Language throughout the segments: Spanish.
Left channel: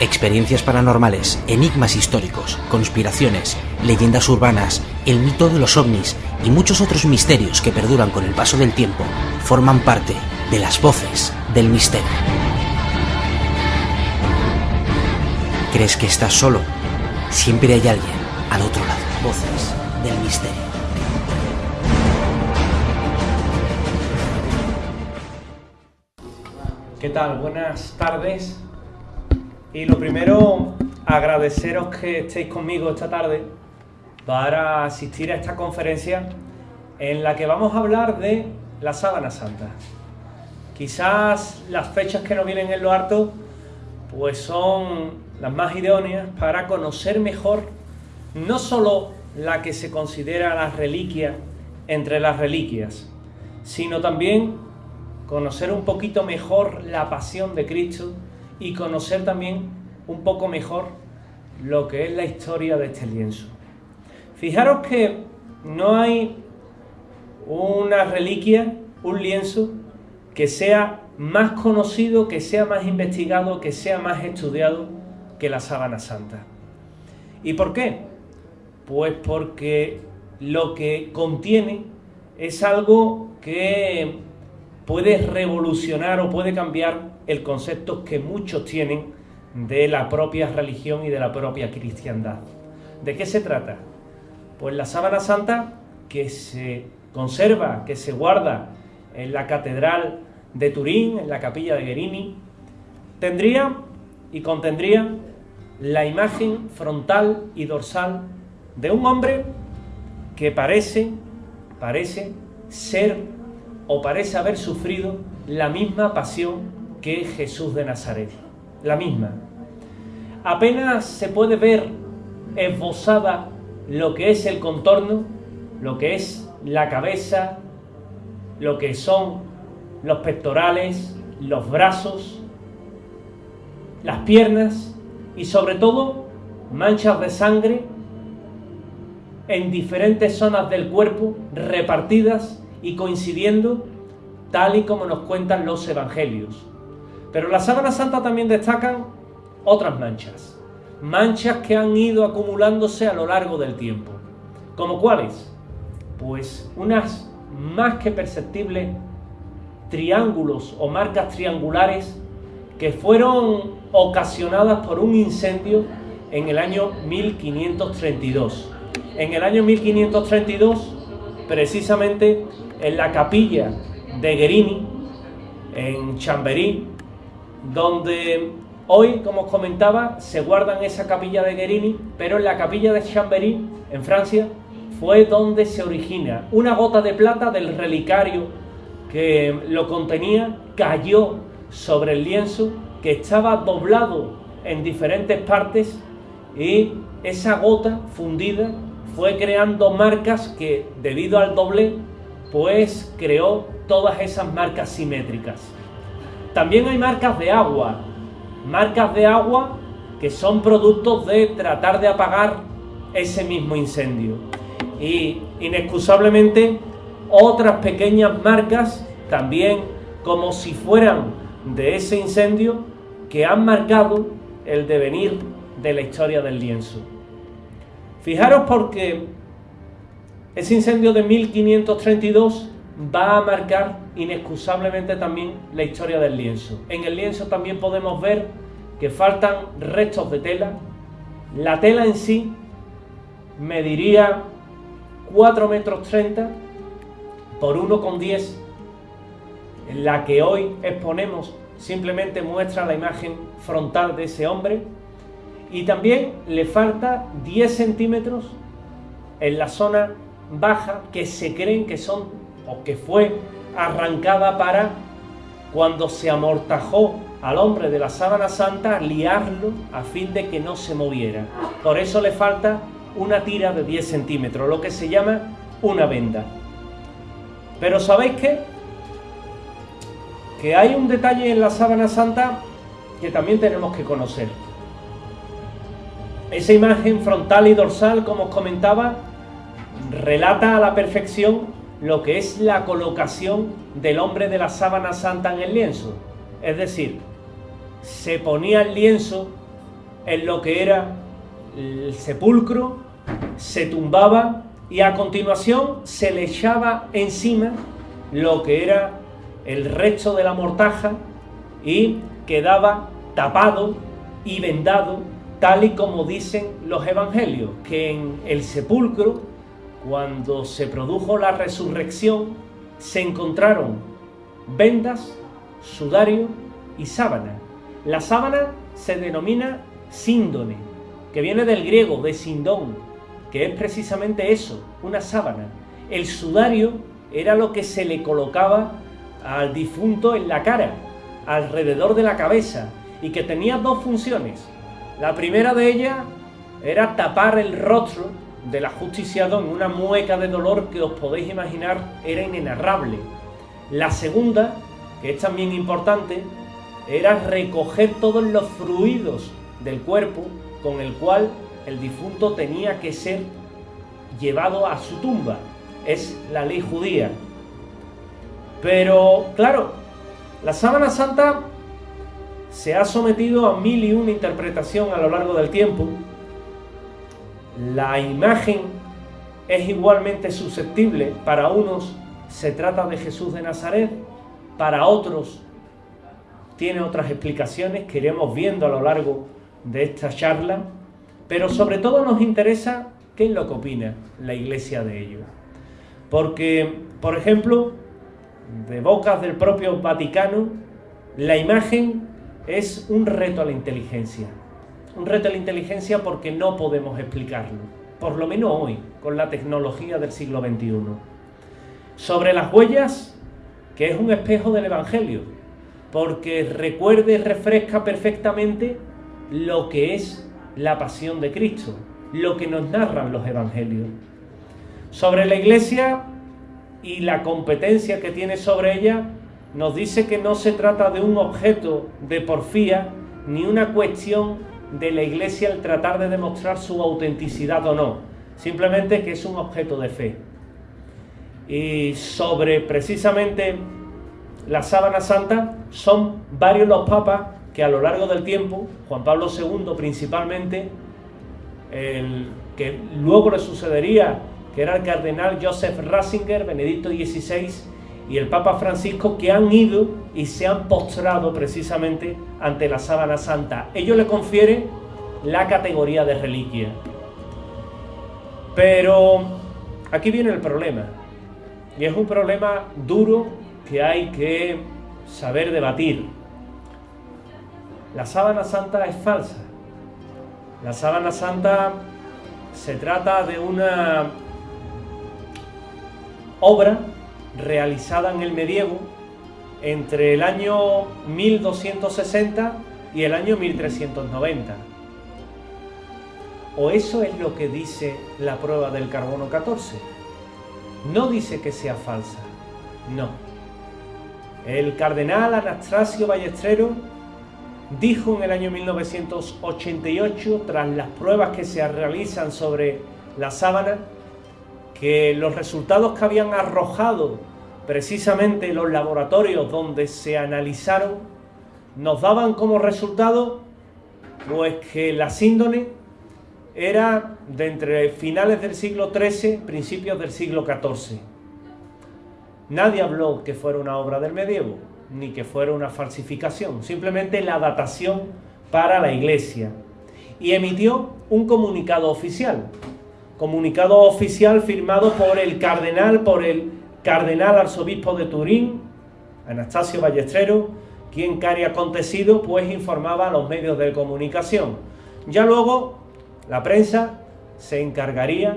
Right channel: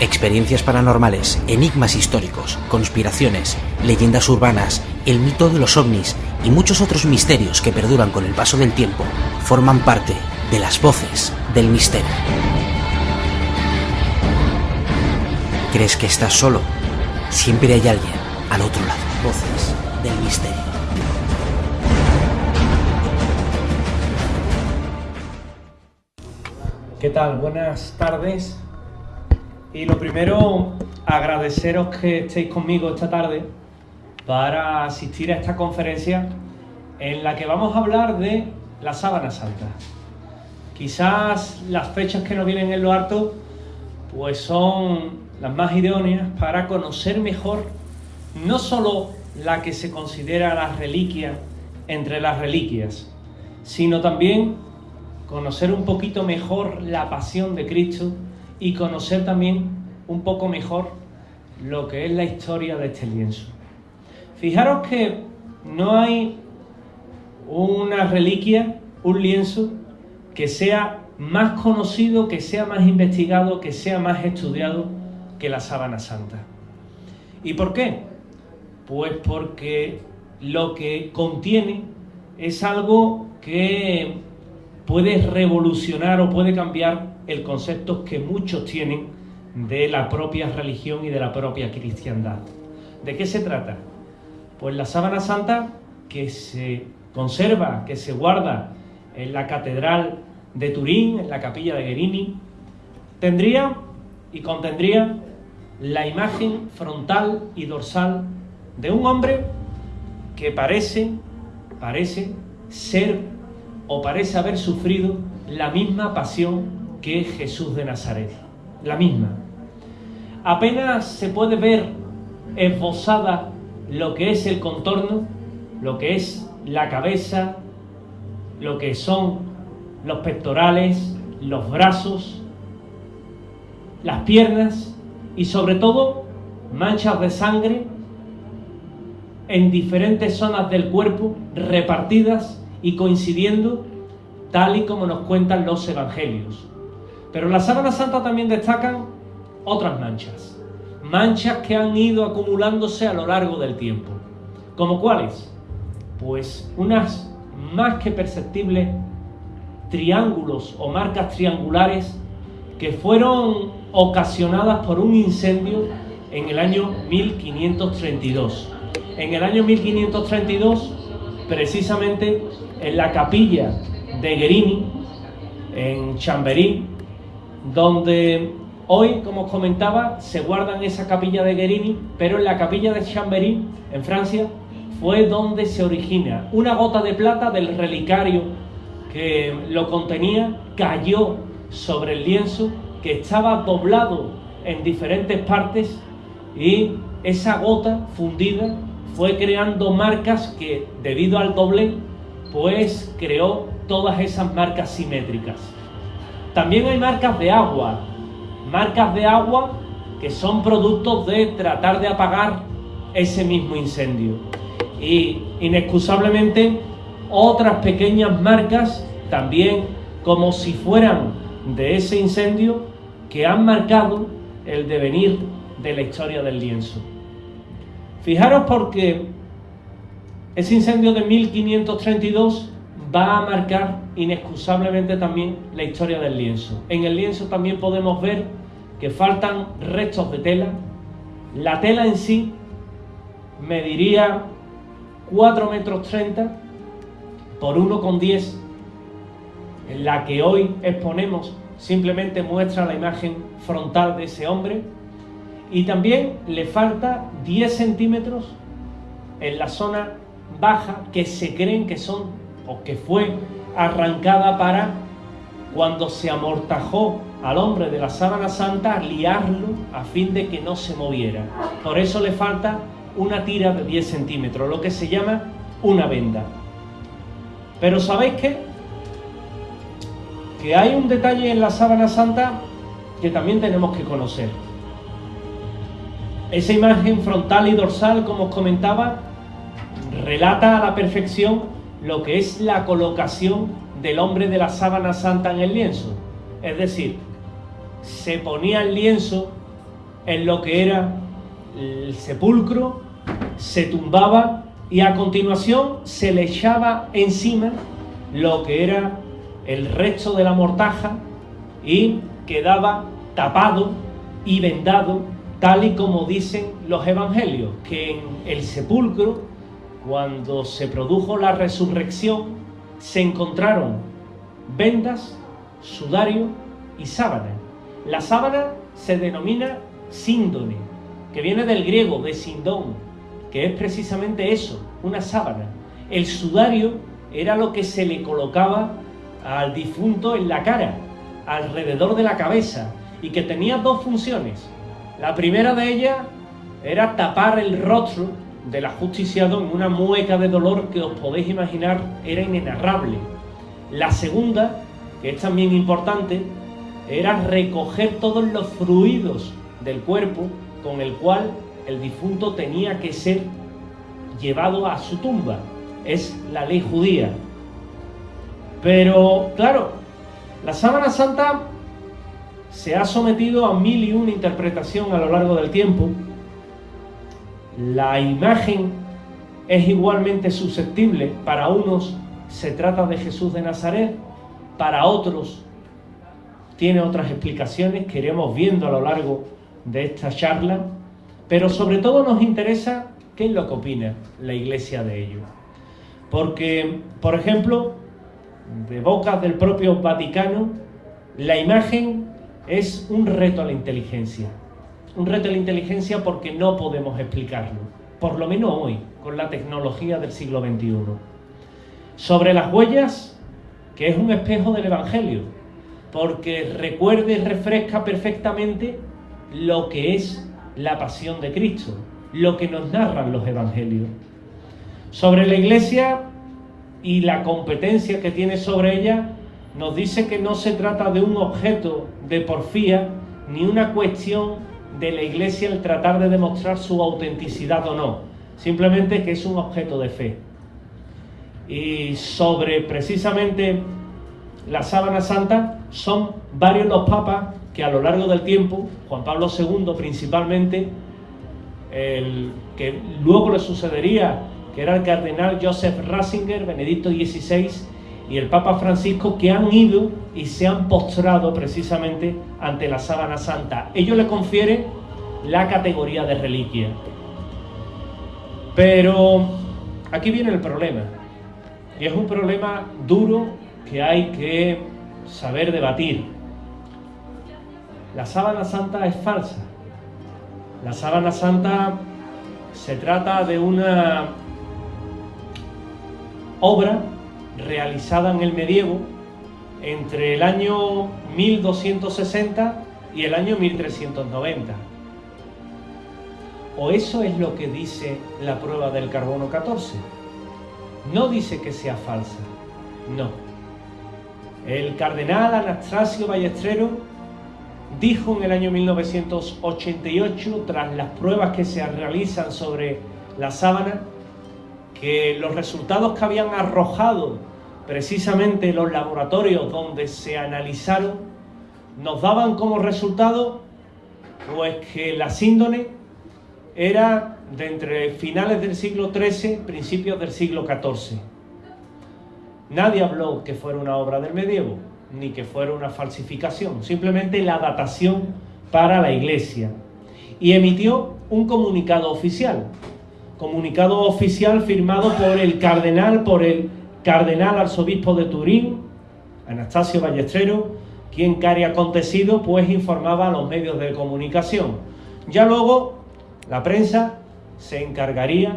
Experiencias paranormales, enigmas históricos, conspiraciones, leyendas urbanas, el mito de los ovnis y muchos otros misterios que perduran con el paso del tiempo forman parte de las voces del misterio. ¿Crees que estás solo? Siempre hay alguien al otro lado. Voces del misterio. ¿Qué tal? Buenas tardes. Y lo primero, agradeceros que estéis conmigo esta tarde para asistir a esta conferencia en la que vamos a hablar de la Sábana Santa. Quizás las fechas que nos vienen en lo harto pues son las más idóneas para conocer mejor no solo la que se considera la reliquia entre las reliquias, sino también conocer un poquito mejor la pasión de Cristo y conocer también un poco mejor lo que es la historia de este lienzo. Fijaros que no hay una reliquia, un lienzo, que sea más conocido, que sea más investigado, que sea más estudiado que la Sábana Santa. ¿Y por qué? Pues porque lo que contiene es algo que puede revolucionar o puede cambiar el concepto que muchos tienen de la propia religión y de la propia cristiandad. ¿De qué se trata? Pues la Sábana Santa, que se conserva, que se guarda en la Catedral de Turín, en la Capilla de Guerini, tendría y contendría la imagen frontal y dorsal de un hombre que parece ser o parece haber sufrido la misma pasión que Jesús de Nazaret, la misma. Apenas se puede ver esbozada lo que es el contorno, lo que es la cabeza, lo que son los pectorales, los brazos, las piernas y sobre todo manchas de sangre en diferentes zonas del cuerpo repartidas y coincidiendo tal y como nos cuentan los evangelios. Pero en la Sábana Santa también destacan otras manchas, manchas que han ido acumulándose a lo largo del tiempo. ¿Como cuáles? Pues unas más que perceptibles triángulos o marcas triangulares que fueron ocasionadas por un incendio en el año 1532. En el año 1532, precisamente en la capilla de Guerini, en Chambéry, donde hoy, como os comentaba, se guarda en esa capilla de Guerini, pero en la capilla de Chambéry, en Francia, fue donde se origina una gota de plata del relicario que lo contenía, cayó sobre el lienzo que estaba doblado en diferentes partes y esa gota fundida fue creando marcas que, debido al doblez, pues creó todas esas marcas simétricas. También hay marcas de agua que son productos de tratar de apagar ese mismo incendio. Y inexcusablemente otras pequeñas marcas también como si fueran de ese incendio que han marcado el devenir de la historia del lienzo. Fijaros porque ese incendio de 1532 va a marcar inexcusablemente también la historia del lienzo. En el lienzo también podemos ver que faltan restos de tela. La tela en sí mediría 4,30 metros por 1,10. En la que hoy exponemos simplemente muestra la imagen frontal de ese hombre. Y también le falta 10 centímetros en la zona baja que se creen que son o que fue arrancada para cuando se amortajó al hombre de la Sábana Santa liarlo a fin de que no se moviera. Por eso le falta una tira de 10 centímetros, lo que se llama una venda. Pero ¿sabéis qué? Que hay un detalle en la Sábana Santa que también tenemos que conocer. Esa imagen frontal y dorsal, como os comentaba, relata a la perfección lo que es la colocación del hombre de la Sábana Santa en el lienzo. Es decir, se ponía el lienzo en lo que era el sepulcro, se tumbaba y a continuación se le echaba encima lo que era el resto de la mortaja y quedaba tapado y vendado, tal y como dicen los evangelios, que en el sepulcro, cuando se produjo la resurrección, se encontraron vendas, sudario y sábana. La sábana se denomina síndone, que viene del griego de sindón, que es precisamente eso, una sábana. El sudario era lo que se le colocaba al difunto en la cara, alrededor de la cabeza, y que tenía dos funciones. La primera de ellas era tapar el rostro del ajusticiado en una mueca de dolor que os podéis imaginar era inenarrable. La segunda, que es también importante, era recoger todos los fluidos del cuerpo con el cual el difunto tenía que ser llevado a su tumba. Es la ley judía. Pero, claro, la sábana santa se ha sometido a 1001 interpretación a lo largo del tiempo. La imagen es igualmente susceptible. Para unos se trata de Jesús de Nazaret, para otros tiene otras explicaciones que iremos viendo a lo largo de esta charla, pero sobre todo nos interesa qué es lo que opina la Iglesia de ello. Porque, por ejemplo, de bocas del propio Vaticano, la imagen es un reto a la inteligencia. Un reto a la inteligencia porque no podemos explicarlo, por lo menos hoy, con la tecnología del siglo XXI. Sobre las huellas, que es un espejo del Evangelio, porque recuerda y refresca perfectamente lo que es la pasión de Cristo, lo que nos narran los Evangelios. Sobre la Iglesia y la competencia que tiene sobre ella, nos dice que no se trata de un objeto de porfía, ni una cuestión de la Iglesia el tratar de demostrar su autenticidad o no, simplemente que es un objeto de fe. Y sobre precisamente la sábana santa, son varios los papas que a lo largo del tiempo, Juan Pablo II principalmente, el que luego le sucedería, que era el cardenal Joseph Ratzinger, Benedicto XVI, y el Papa Francisco, que han ido y se han postrado precisamente ante la sábana santa. Ellos le confieren la categoría de reliquia. Pero aquí viene el problema, y es un problema duro que hay que saber debatir. La sábana santa es falsa. La sábana santa se trata de una obra realizada en el medievo entre el año 1260 y el año 1390. O eso es lo que dice la prueba del carbono 14. No dice que sea falsa, no. El cardenal Anastasio Ballesteros dijo en el año 1988, tras las pruebas que se realizan sobre la sábana, que los resultados que habían arrojado precisamente los laboratorios donde se analizaron nos daban como resultado pues que la síndone era de entre finales del siglo XIII, principios del siglo XIV. Nadie habló que fuera una obra del medievo, ni que fuera una falsificación, simplemente la datación para la Iglesia. Y emitió un comunicado oficial firmado por el cardenal arzobispo de Turín, Anastasio Ballesteros, quien que acontecido pues informaba a los medios de comunicación. Ya luego la prensa se encargaría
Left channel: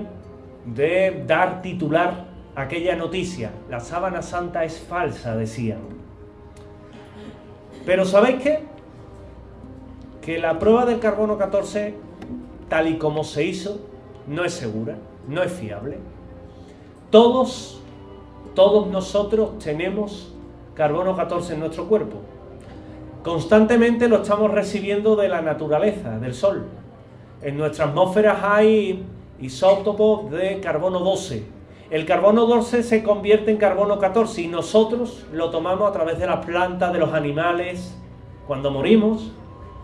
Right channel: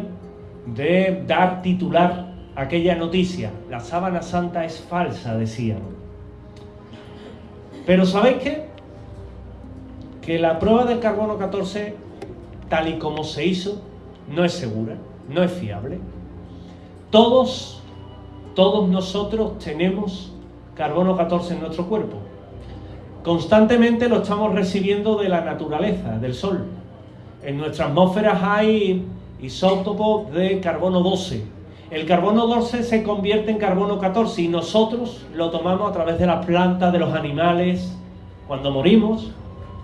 de dar titular aquella noticia. La sábana santa es falsa, decían. Pero ¿sabéis qué? Que la prueba del carbono 14, tal y como se hizo, no es segura, no es fiable. Todos nosotros tenemos carbono 14 en nuestro cuerpo. Constantemente lo estamos recibiendo de la naturaleza, del sol. En nuestra atmósfera hay isótopos de carbono 12. El carbono 12 se convierte en carbono 14 y nosotros lo tomamos a través de las plantas, de los animales. Cuando morimos,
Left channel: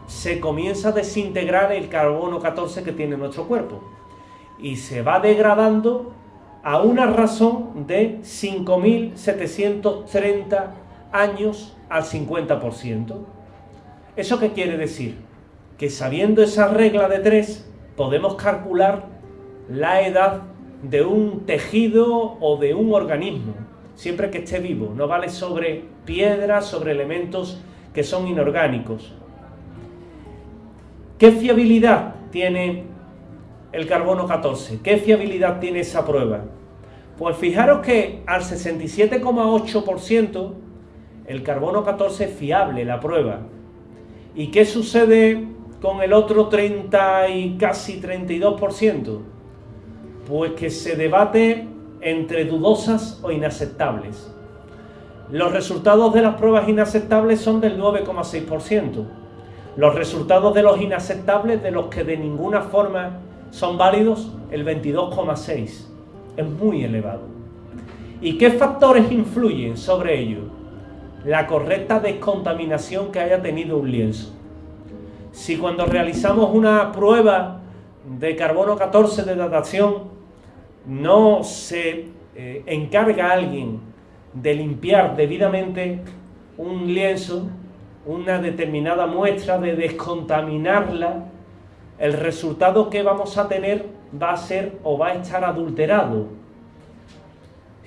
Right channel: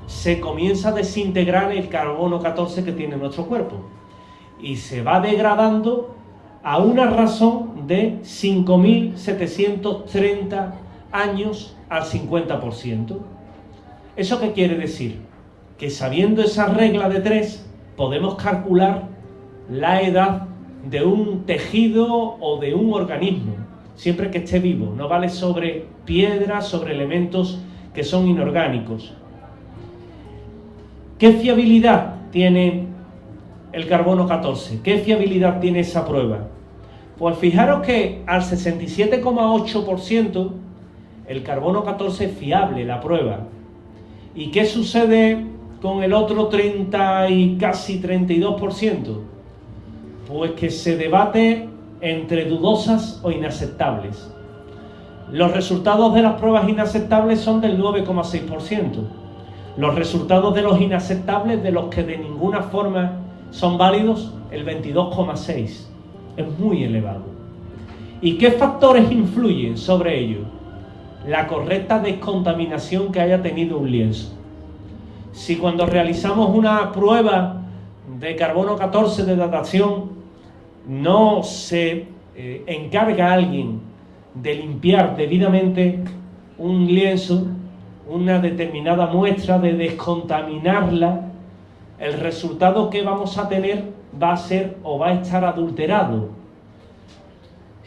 se comienza a desintegrar el carbono 14 que tiene nuestro cuerpo y se va degradando a una razón de 5.730 años al 50%. ¿Eso qué quiere decir? Que sabiendo esa regla de 3 podemos calcular la edad de un tejido o de un organismo, siempre que esté vivo. No vale sobre piedras, sobre elementos que son inorgánicos. ¿Qué fiabilidad tiene el carbono 14? ¿Qué fiabilidad tiene esa prueba? Pues fijaros que al 67,8% el carbono 14 es fiable, la prueba. ¿Y qué sucede con el otro 30 y casi 32%? Pues que se debate entre dudosas o inaceptables. Los resultados de las pruebas inaceptables son del 9,6%. Los resultados de los inaceptables, de los que de ninguna forma son válidos, el 22,6%. Es muy elevado. ¿Y qué factores influyen sobre ello? La correcta descontaminación que haya tenido un lienzo. Si cuando realizamos una prueba de carbono 14 de datación no se encarga a alguien de limpiar debidamente un lienzo, una determinada muestra, de descontaminarla, el resultado que vamos a tener va a ser o va a estar adulterado.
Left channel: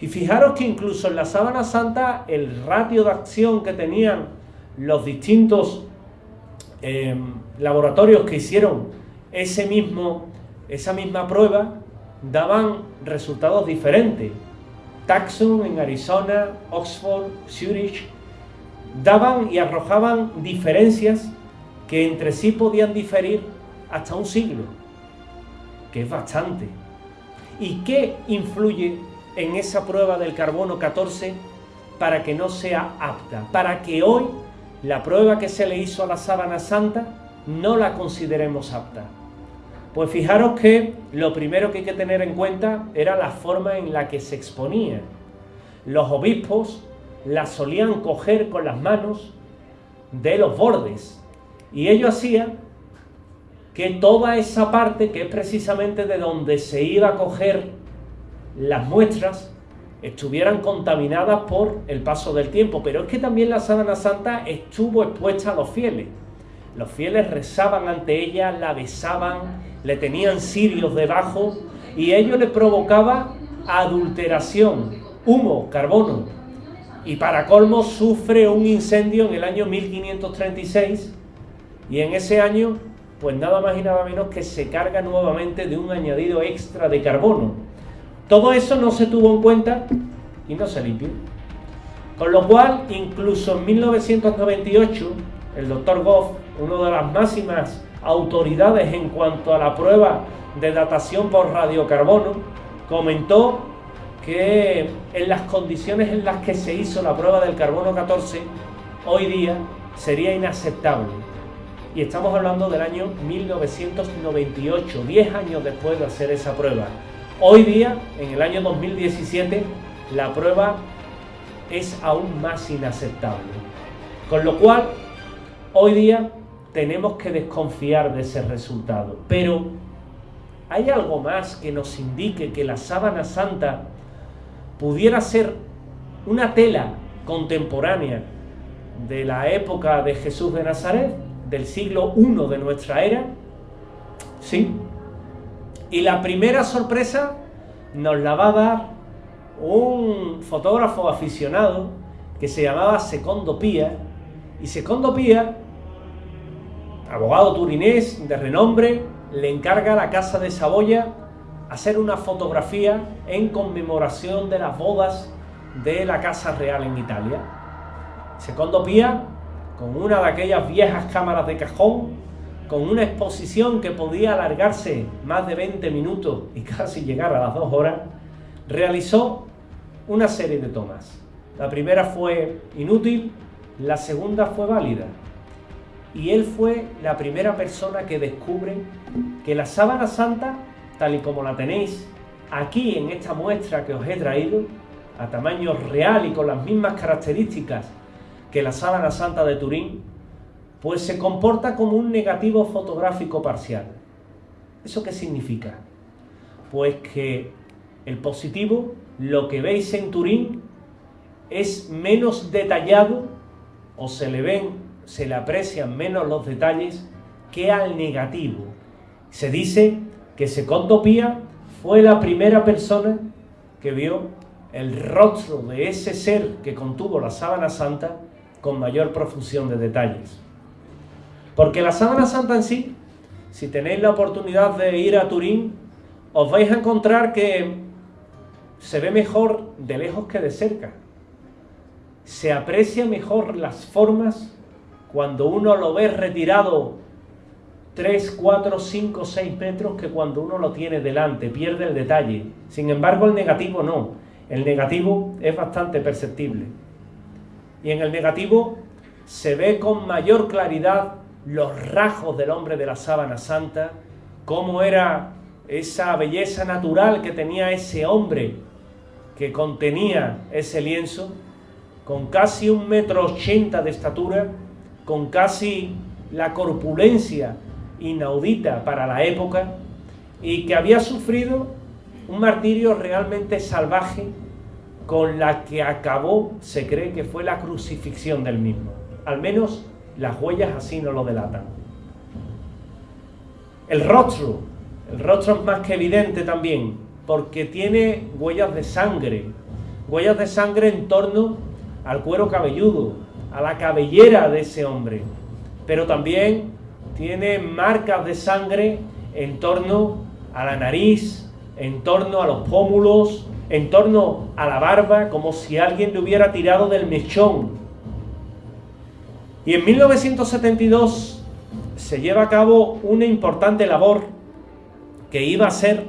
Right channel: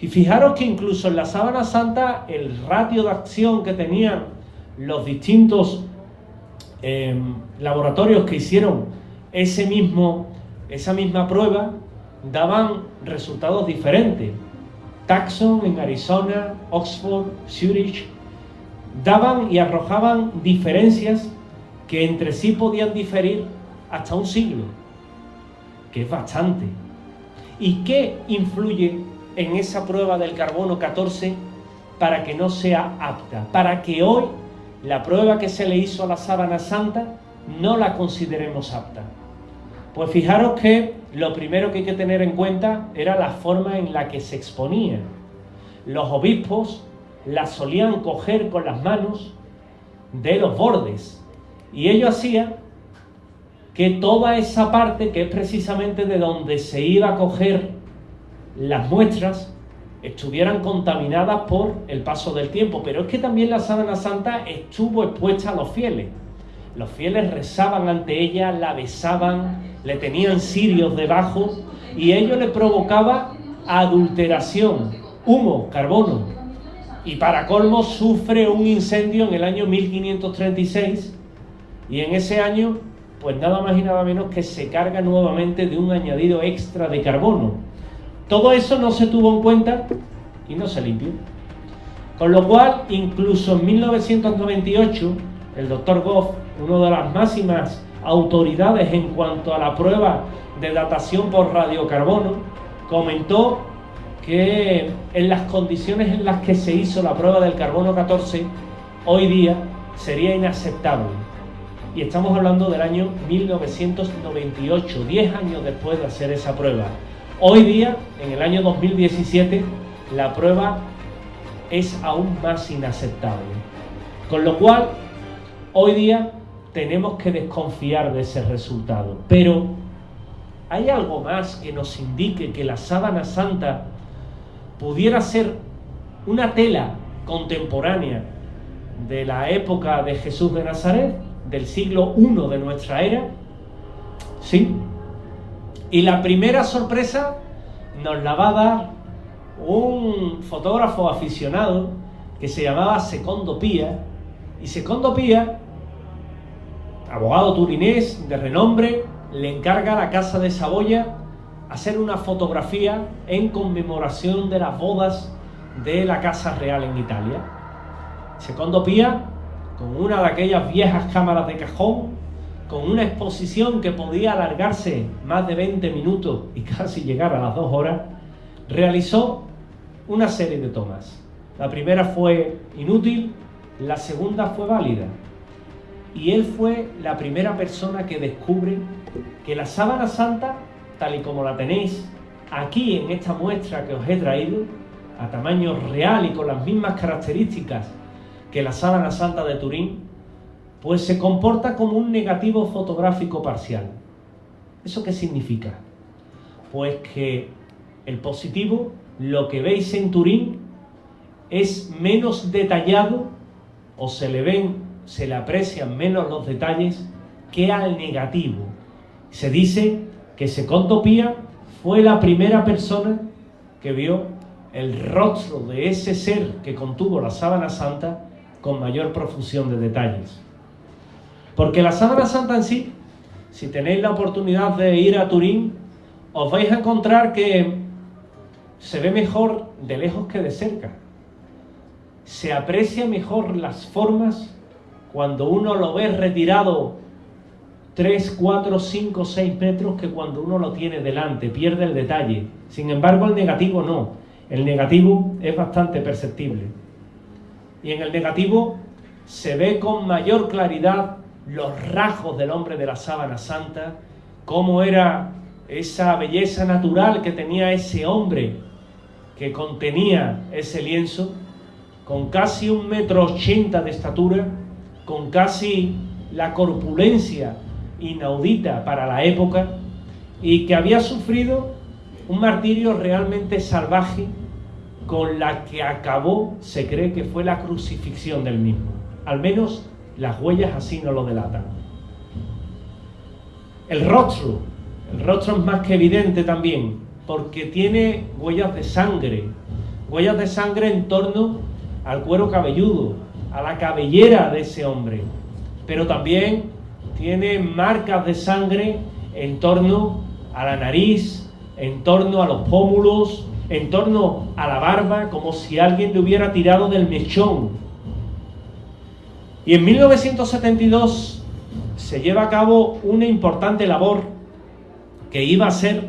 Y fijaros que incluso en la Sábana Santa el ratio de acción que tenían los distintos laboratorios que hicieron esa misma prueba daban resultados diferentes. Tucson en Arizona, Oxford, Zurich, daban y arrojaban diferencias que entre sí podían diferir hasta un siglo, que es bastante. ¿Y qué influye en esa prueba del carbono 14 para que no sea apta? Para que hoy la prueba que se le hizo a la Sábana Santa no la consideremos apta. Pues fijaros que lo primero que hay que tener en cuenta era la forma en la que se exponía. Los obispos la solían coger con las manos de los bordes y ello hacía que toda esa parte, que es precisamente de donde se iba a coger las muestras, estuvieran contaminadas por el paso del tiempo. Pero es que también la Sábana Santa estuvo expuesta a los fieles. Los fieles rezaban ante ella, la besaban, le tenían cirios debajo y ello le provocaba adulteración, humo, carbono. Y para colmo sufre un incendio en el año 1536 y en ese año pues nada más y nada menos que se carga nuevamente de un añadido extra de carbono. Todo eso no se tuvo en cuenta y no se limpió. Con lo cual, incluso en 1998, el doctor Goff, una de las máximas autoridades en cuanto a la prueba de datación por radiocarbono, comentó que en las condiciones en las que se hizo la prueba del carbono 14, hoy día sería inaceptable. Y estamos hablando del año 1998, 10 años después de hacer esa prueba. Hoy día, en el año 2017, la prueba es aún más inaceptable. Con lo cual, hoy día tenemos que desconfiar de ese resultado. Pero ¿hay algo más que nos indique que la Sábana Santa pudiera ser una tela contemporánea de la época de Jesús de Nazaret, del siglo I de nuestra era? Sí. Y la primera sorpresa nos la va a dar un fotógrafo aficionado que se llamaba Secondo Pia. Y Secondo Pia, abogado turinés de renombre, le encarga a la Casa de Saboya hacer una fotografía en conmemoración de las bodas de la Casa Real en Italia. Secondo Pia, con una de aquellas viejas cámaras de cajón, con una exposición que podía alargarse más de 20 minutos y casi llegar a las 2 horas, realizó una serie de tomas. La primera fue inútil, la segunda fue válida. Y él fue la primera persona que descubre que la Sábana Santa, tal y como la tenéis aquí en esta muestra que os he traído, a tamaño real y con las mismas características que la Sábana Santa de Turín, pues se comporta como un negativo fotográfico parcial. ¿Eso qué significa? Pues que el positivo, lo que veis en Turín, es menos detallado, o se le aprecian menos los detalles que al negativo. Se dice que Secondo Pía fue la primera persona que vio el rostro de ese ser que contuvo la sábana santa con mayor profusión de detalles. Porque la sábana santa en sí, si tenéis la oportunidad de ir a Turín, os vais a encontrar que se ve mejor de lejos que de cerca. Se aprecia mejor las formas cuando uno lo ve retirado 3, 4, 5, 6 metros que cuando uno lo tiene delante, pierde el detalle. Sin embargo, el negativo no. El negativo es bastante perceptible. Y en el negativo se ve con mayor claridad los rasgos del hombre de la sábana santa, cómo era esa belleza natural que tenía ese hombre que contenía ese lienzo, con casi 1,80 m de estatura, con casi la corpulencia inaudita para la época, y que había sufrido un martirio realmente salvaje, con la que acabó, se cree que fue la crucifixión del mismo. Al menos las huellas así nos lo delatan. El rostro es más que evidente también, porque tiene huellas de sangre en torno al cuero cabelludo, a la cabellera de ese hombre, pero también tiene marcas de sangre en torno a la nariz, en torno a los pómulos, en torno a la barba, como si alguien le hubiera tirado del mechón. Y en 1972 se lleva a cabo una importante labor que iba a ser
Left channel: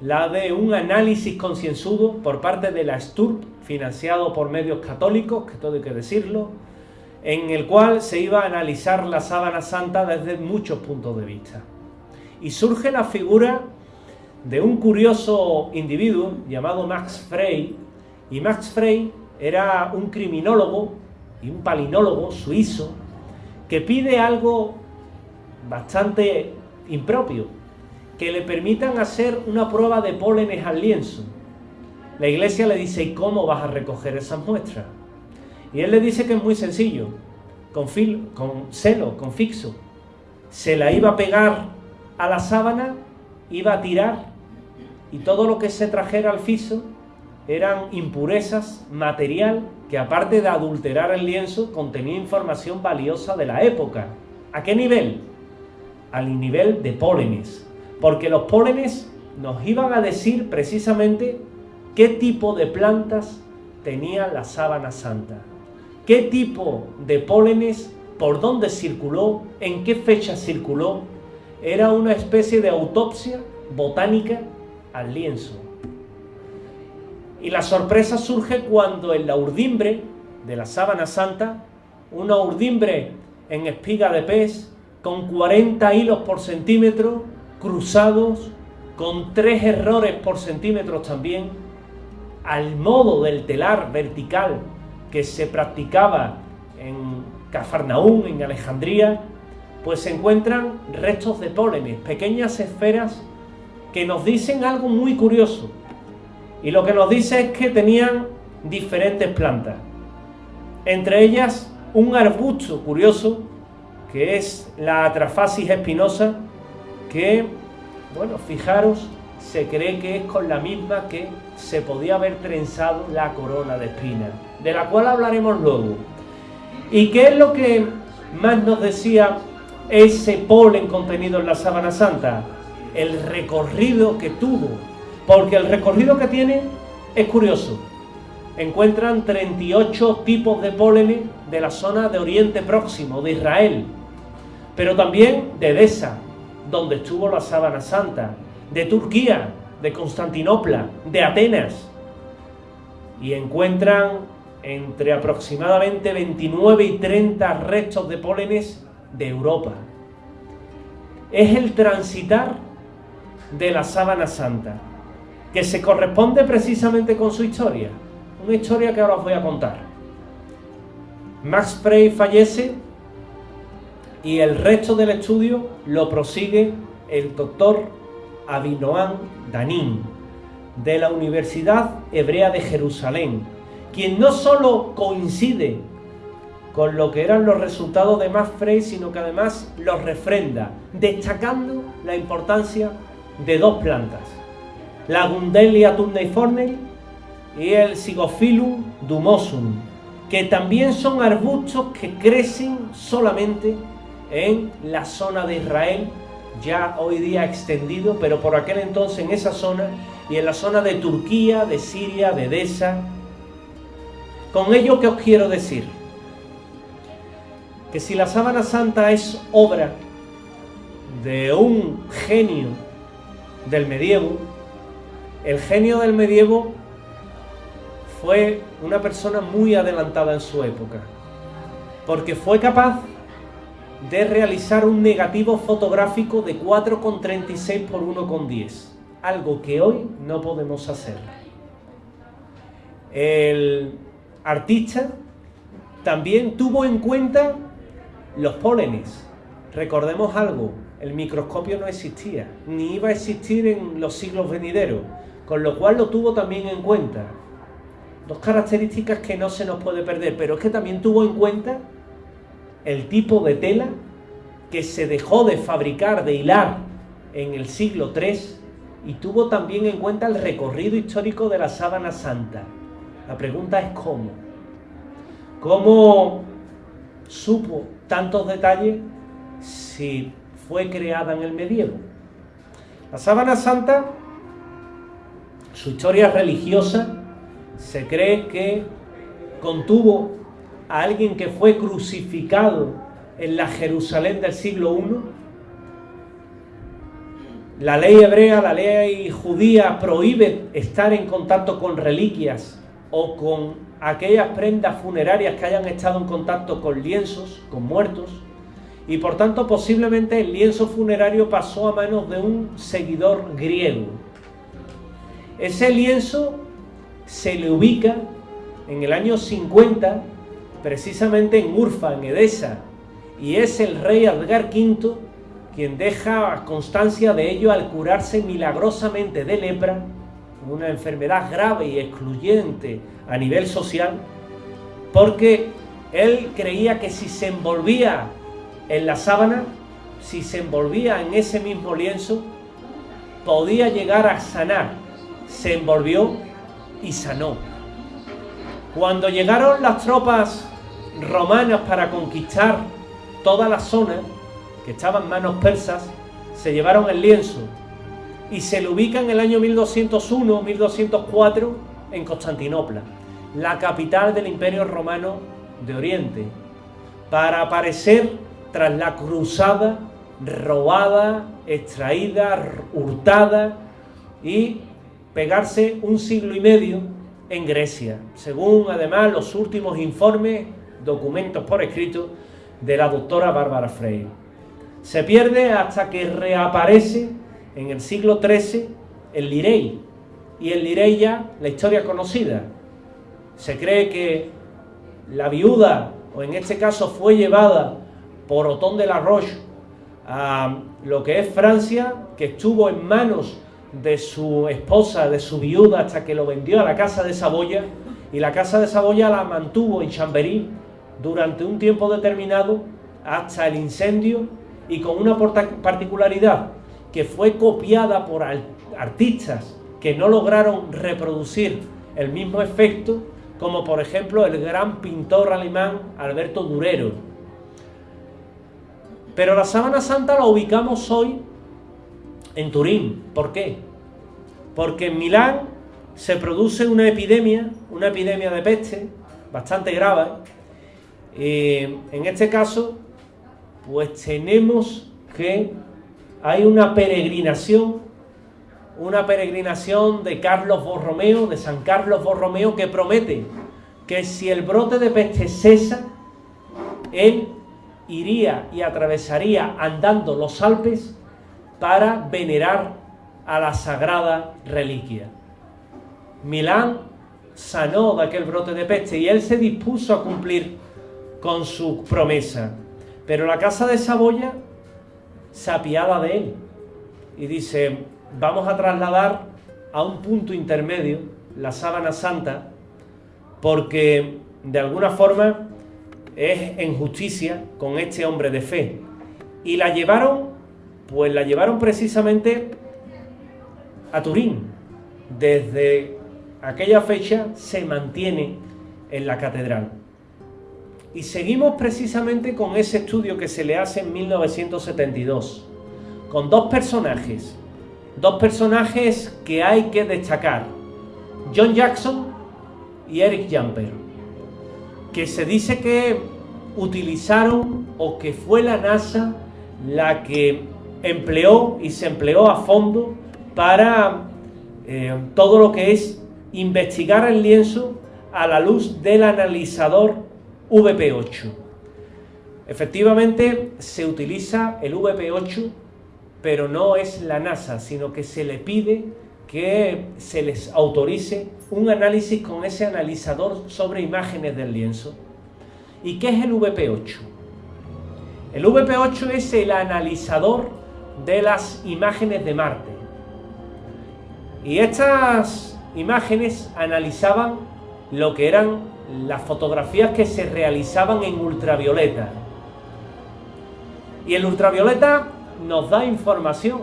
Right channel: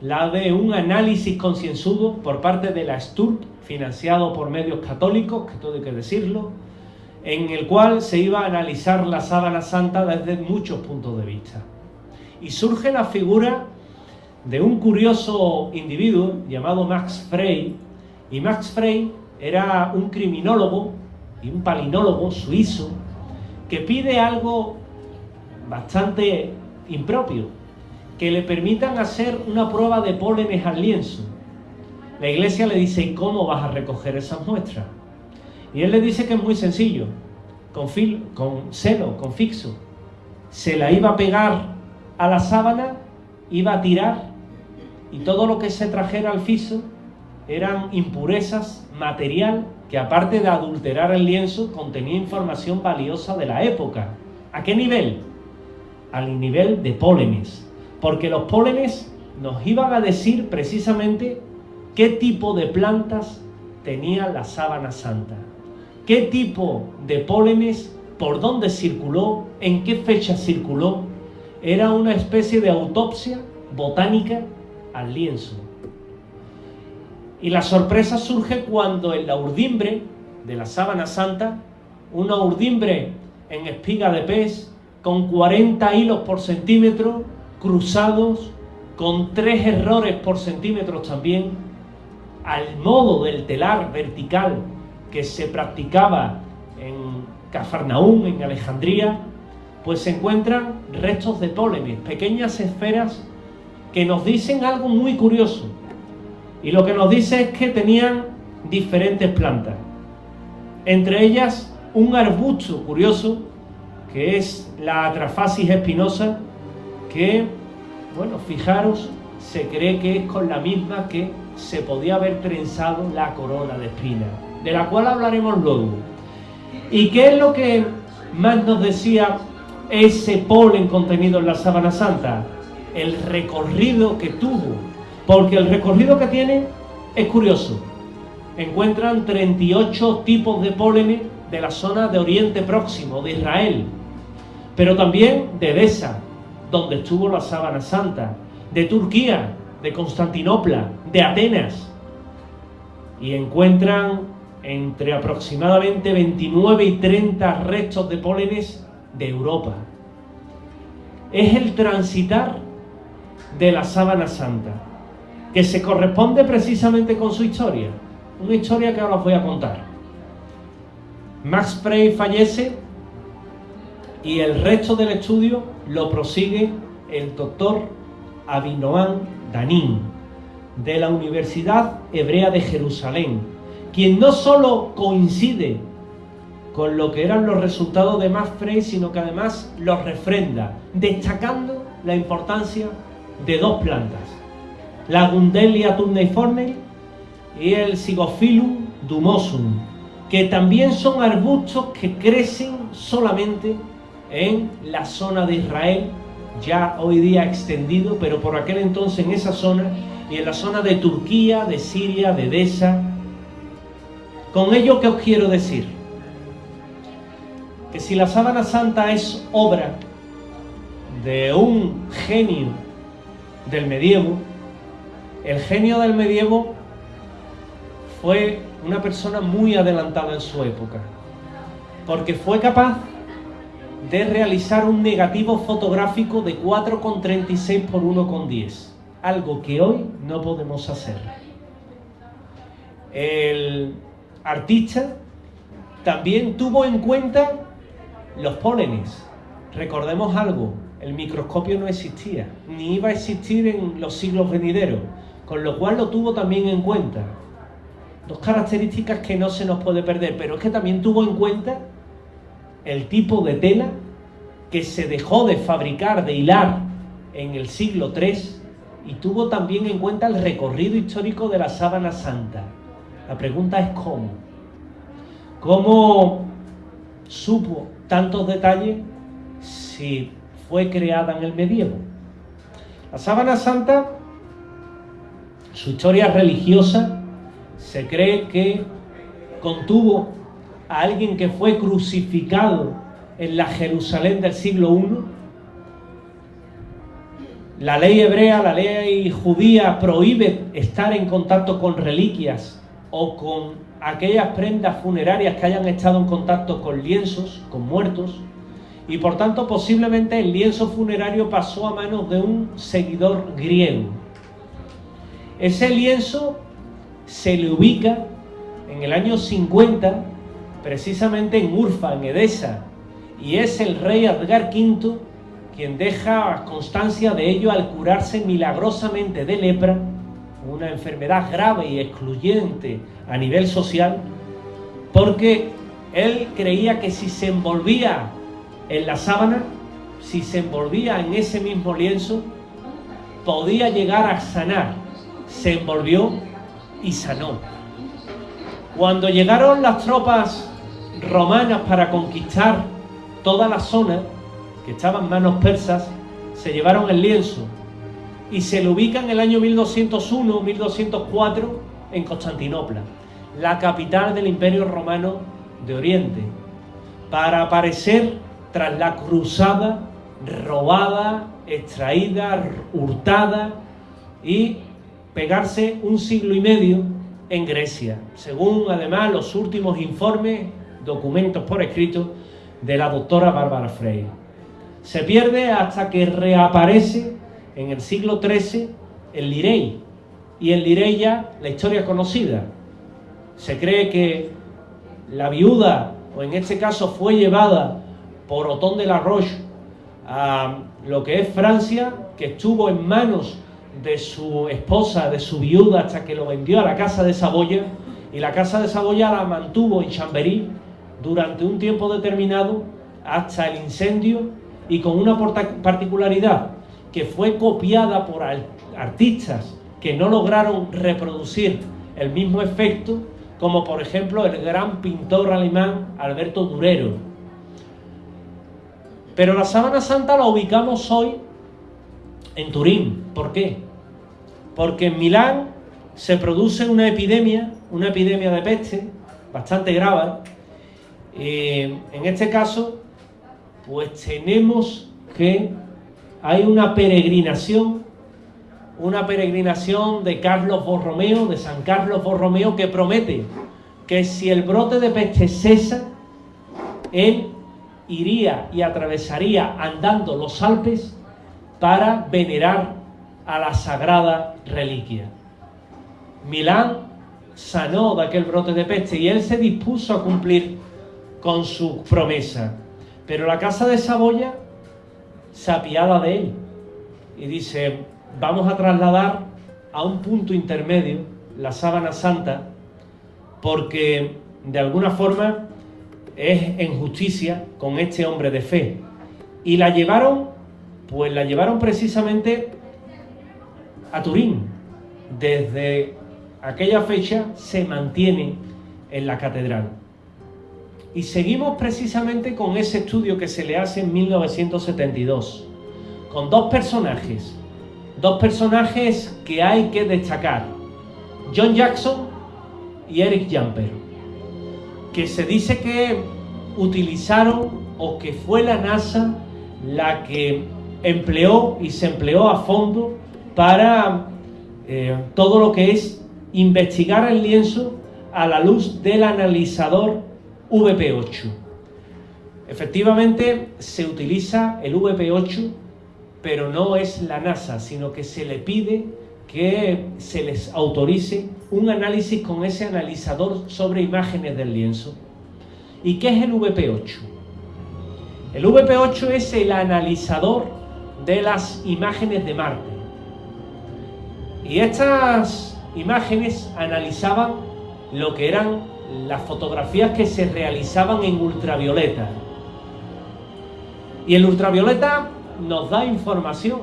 la de un análisis concienzudo por parte de la STURP, financiado por medios católicos, que todo hay que decirlo, en el cual se iba a analizar la sábana santa desde muchos puntos de vista. Y surge la figura de un curioso individuo llamado Max Frey, y Max Frey era un criminólogo y un palinólogo suizo que pide algo bastante impropio, que le permitan hacer una prueba de pólenes al lienzo. La Iglesia le dice: ¿y cómo vas a recoger esas muestras? Y él le dice que es muy sencillo, con celo, con fixo. Se la iba a pegar a la sábana, iba a tirar, y todo lo que se trajera al fixo eran impurezas, material que, aparte de adulterar el lienzo, contenía información valiosa de la época. ¿A qué nivel? Al nivel de pólenes, porque los pólenes nos iban a decir precisamente qué tipo de plantas tenía la sábana santa, qué tipo de pólenes, por dónde circuló, en qué fecha circuló. Era una especie de autopsia botánica al lienzo. Y la sorpresa surge cuando en la urdimbre de la sábana santa, una urdimbre en espiga de pez, con 40 hilos por centímetro, cruzados, con 3 errores por centímetro también, al modo del telar vertical que se practicaba en Cafarnaúm, en Alejandría, pues se encuentran restos de pólenes, pequeñas esferas que nos dicen algo muy curioso. Y lo que nos dice es que tenían diferentes plantas, entre ellas un arbusto curioso, que es la Atrafasis espinosa, que, bueno, fijaros, se cree que es con la misma que se podía haber trenzado la corona de espinas, de la cual hablaremos luego. ¿Y qué es lo que más nos decía ese polen contenido en la sábana santa? El recorrido que tuvo, porque el recorrido que tiene es curioso. Encuentran 38 tipos de pólenes de la zona de Oriente Próximo, de Israel, pero también de Edesa, donde estuvo la sábana santa, de Turquía, de Constantinopla, de Atenas, y encuentran entre aproximadamente 29 y 30 restos de pólenes de Europa. Es el transitar de la sábana santa, que se corresponde precisamente con su historia, una historia que ahora os voy a contar. Max Frey fallece y el resto del estudio lo prosigue el doctor Avinoam Danin, de la Universidad Hebrea de Jerusalén, quien no solo coincide con lo que eran los resultados de Max Frey, sino que además los refrenda, destacando la importancia de dos plantas, la Gundelia tunneiforme y el Zygophyllum dumosum, que también son arbustos que crecen solamente en la zona de Israel, ya hoy día extendido, pero por aquel entonces en esa zona, y en la zona de Turquía, de Siria, de Edesa. Con ello, ¿qué os quiero decir? Que si la sábana santa es obra de un genio del medievo, el genio del medievo fue una persona muy adelantada en su época, porque fue capaz de realizar un negativo fotográfico de 4,36 por 1,10, algo que hoy no podemos hacer. El artista también tuvo en cuenta los pólenes. Recordemos algo, el microscopio no existía, ni iba a existir en los siglos venideros, con lo cual lo tuvo también en cuenta. Dos características que no se nos puede perder, pero es que también tuvo en cuenta el tipo de tela que se dejó de fabricar, de hilar en el siglo III, y tuvo también en cuenta el recorrido histórico de la sábana santa. La pregunta es ¿cómo? ¿Cómo supo tantos detalles si fue creada en el medievo? La sábana santa, su historia religiosa, se cree que contuvo a alguien que fue crucificado en la Jerusalén del siglo I. La ley hebrea, la ley judía prohíbe estar en contacto con reliquias o con aquellas prendas funerarias que hayan estado en contacto con lienzos, con muertos, y por tanto posiblemente el lienzo funerario pasó a manos de un seguidor griego. Ese lienzo se le ubica en el año 50, precisamente en Urfa, en Edesa, y es el rey Edgar V quien deja constancia de ello al curarse milagrosamente de lepra, una enfermedad grave y excluyente a nivel social, porque él creía que si se envolvía en la sábana, si se envolvía en ese mismo lienzo, podía llegar a sanar. Se envolvió y sanó. Cuando llegaron las tropas romanas para conquistar toda la zona, que estaba en manos persas, se llevaron el lienzo y se lo ubica en el año 1201-1204 en Constantinopla, la capital del Imperio Romano de Oriente, para aparecer tras la cruzada, robada, extraída, hurtada, y pegarse un siglo y medio en Grecia, según además los últimos informes, documentos por escrito de la doctora Bárbara Frey. Se pierde hasta que reaparece en el siglo XIII el Lirey, y el Lirey ya la historia es conocida. Se cree que la viuda, o en este caso fue llevada por Otón de la Roche a lo que es Francia, que estuvo en manos de su esposa, de su viuda, hasta que lo vendió a la Casa de Saboya, y la Casa de Saboya la mantuvo en Chambéry durante un tiempo determinado hasta el incendio, y con una particularidad, que fue copiada por artistas que no lograron reproducir el mismo efecto, como por ejemplo el gran pintor alemán Alberto Durero. Pero la sábana santa la ubicamos hoy en Turín. ¿Por qué? Porque en Milán se produce una epidemia de peste bastante grave. En este caso, pues tenemos que hay una peregrinación de Carlos Borromeo, de San Carlos Borromeo, que promete que si el brote de peste cesa, él iría y atravesaría andando los Alpes para venerar a la sagrada reliquia. Milán sanó de aquel brote de peste y él se dispuso a cumplir con su promesa. Pero la casa de Saboya se apiada de él y dice: vamos a trasladar a un punto intermedio la sábana santa, porque de alguna forma es en justicia con este hombre de fe. Y la llevaron precisamente a Turín. Desde aquella fecha se mantiene en la catedral. Y seguimos precisamente con ese estudio que se le hace en 1972, con dos personajes que hay que destacar: John Jackson y Eric Jumper, que se dice que utilizaron, o que fue la NASA la que empleó y se empleó a fondo para todo lo que es investigar el lienzo a la luz del analizador VP8. Efectivamente se utiliza el VP8, pero no es la NASA, sino que se le pide que se les autorice un análisis con ese analizador sobre imágenes del lienzo. ¿Y qué es el VP8? El VP8 es el analizador de las imágenes de Marte. Y estas imágenes analizaban lo que eran las fotografías que se realizaban en ultravioleta. Y el ultravioleta nos da información,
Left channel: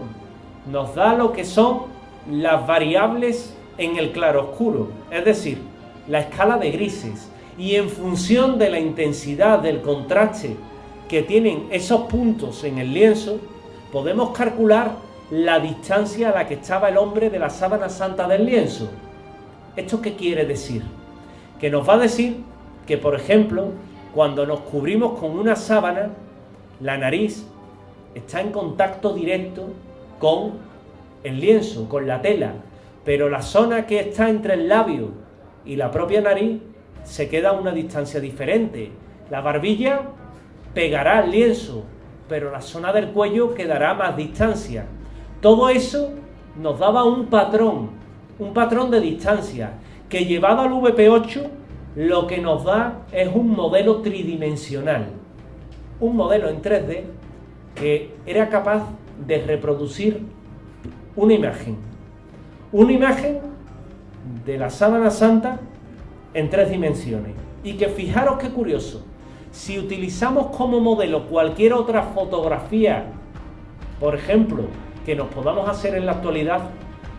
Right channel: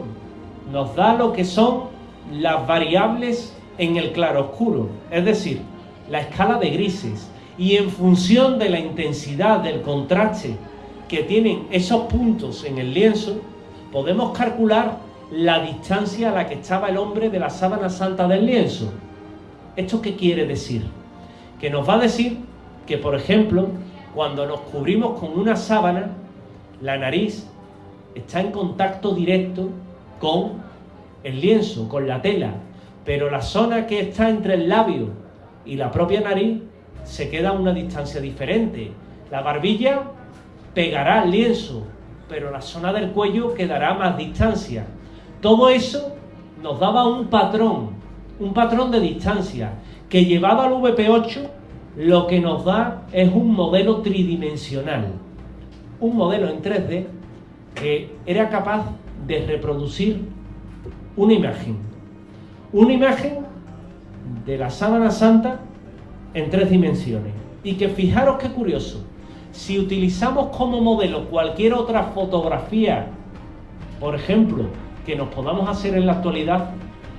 nos da lo que son las variables en el claroscuro, es decir, la escala de grises, y en función de la intensidad del contraste que tienen esos puntos en el lienzo, podemos calcular la distancia a la que estaba el hombre de la sábana santa del lienzo. ¿Esto qué quiere decir? Que nos va a decir que, por ejemplo, cuando nos cubrimos con una sábana, la nariz está en contacto directo con el lienzo, con la tela, pero la zona que está entre el labio y la propia nariz se queda a una distancia diferente. La barbilla pegará al lienzo, pero la zona del cuello quedará a más distancia. Todo eso nos daba un patrón de distancia, que llevado al VP8 lo que nos da es un modelo tridimensional, un modelo en 3D que era capaz de reproducir una imagen de la sábana santa en 3 dimensiones. Y que fijaros qué curioso, si utilizamos como modelo cualquier otra fotografía, por ejemplo, que nos podamos hacer en la actualidad,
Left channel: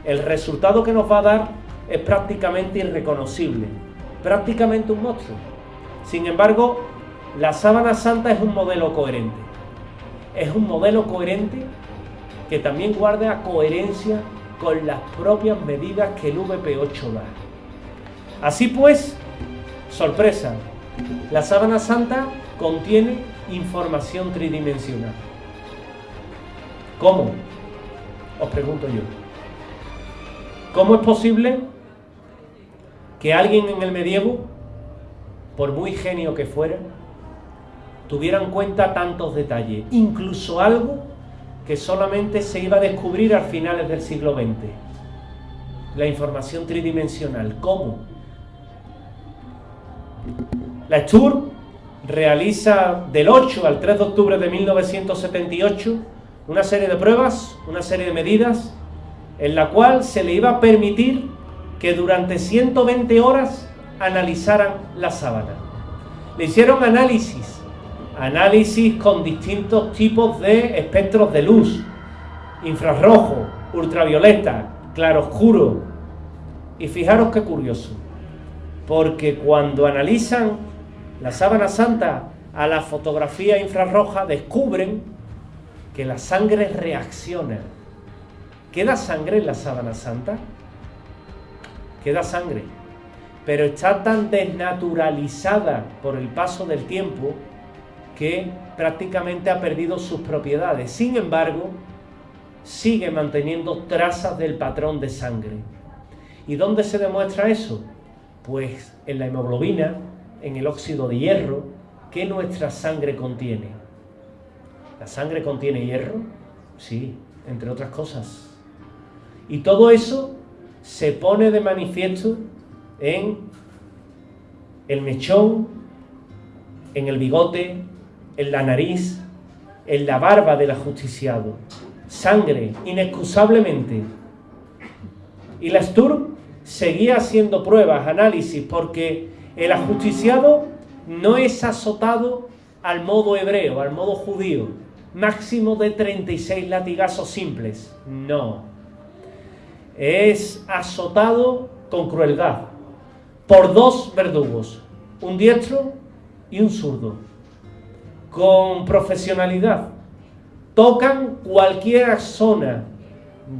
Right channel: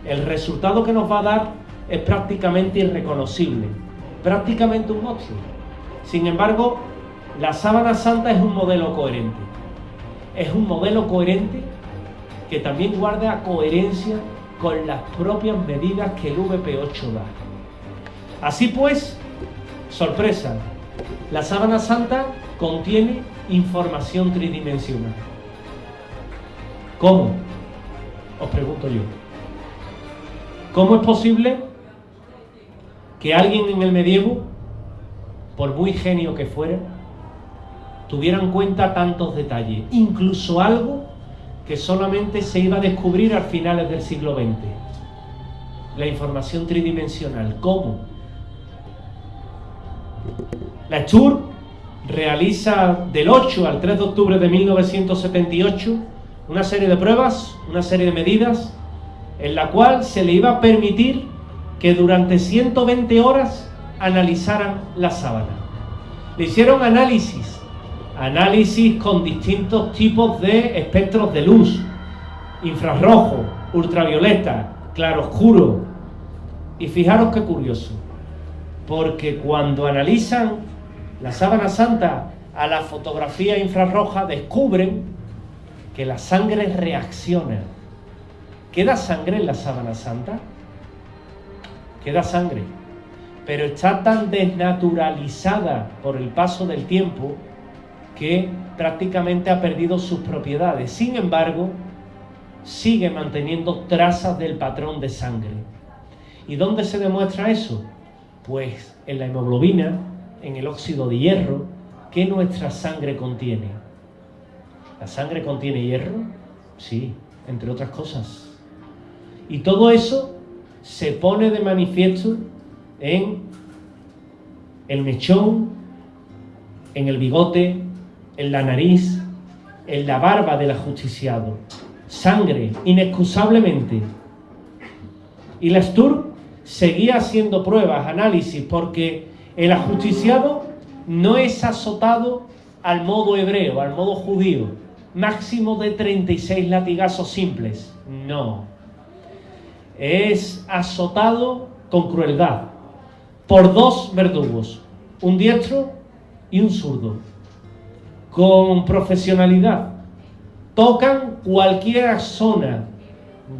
el resultado que nos va a dar es prácticamente irreconocible, prácticamente un monstruo. Sin embargo, la sábana santa es un modelo coherente. Es un modelo coherente que también guarda coherencia con las propias medidas que el VP8 da. Así pues, sorpresa, la sábana santa contiene información tridimensional. ¿Cómo? Os pregunto yo. ¿Cómo es posible que alguien en el medievo, por muy genio que fuera, tuviera en cuenta tantos detalles? Incluso algo que solamente se iba a descubrir a finales del siglo XX. La información tridimensional. ¿Cómo? La Sturm realiza del 8 al 3 de octubre de 1978 una serie de pruebas, una serie de medidas, en la cual se le iba a permitir que durante 120 horas analizaran la sábana. Le hicieron análisis con distintos tipos de espectros de luz: infrarrojo, ultravioleta, claroscuro. Y fijaros qué curioso, porque cuando analizan la sábana santa a la fotografía infrarroja, descubren que la sangre reacciona. ¿Queda sangre en la sábana santa? Queda sangre, pero está tan desnaturalizada por el paso del tiempo que prácticamente ha perdido sus propiedades. Sin embargo, sigue manteniendo trazas del patrón de sangre. ¿Y dónde se demuestra eso? Pues en la hemoglobina, en el óxido de hierro que nuestra sangre contiene. ¿La sangre contiene hierro? Sí, entre otras cosas. Y todo eso se pone de manifiesto en el mechón, en el bigote, en la nariz, en la barba del ajusticiado. Sangre, inexcusablemente. Y Lastur seguía haciendo pruebas, análisis, porque el ajusticiado no es azotado al modo hebreo, al modo judío, máximo de 36 latigazos simples. No. Es azotado con crueldad por dos verdugos, un diestro y un zurdo, con profesionalidad. Tocan cualquier zona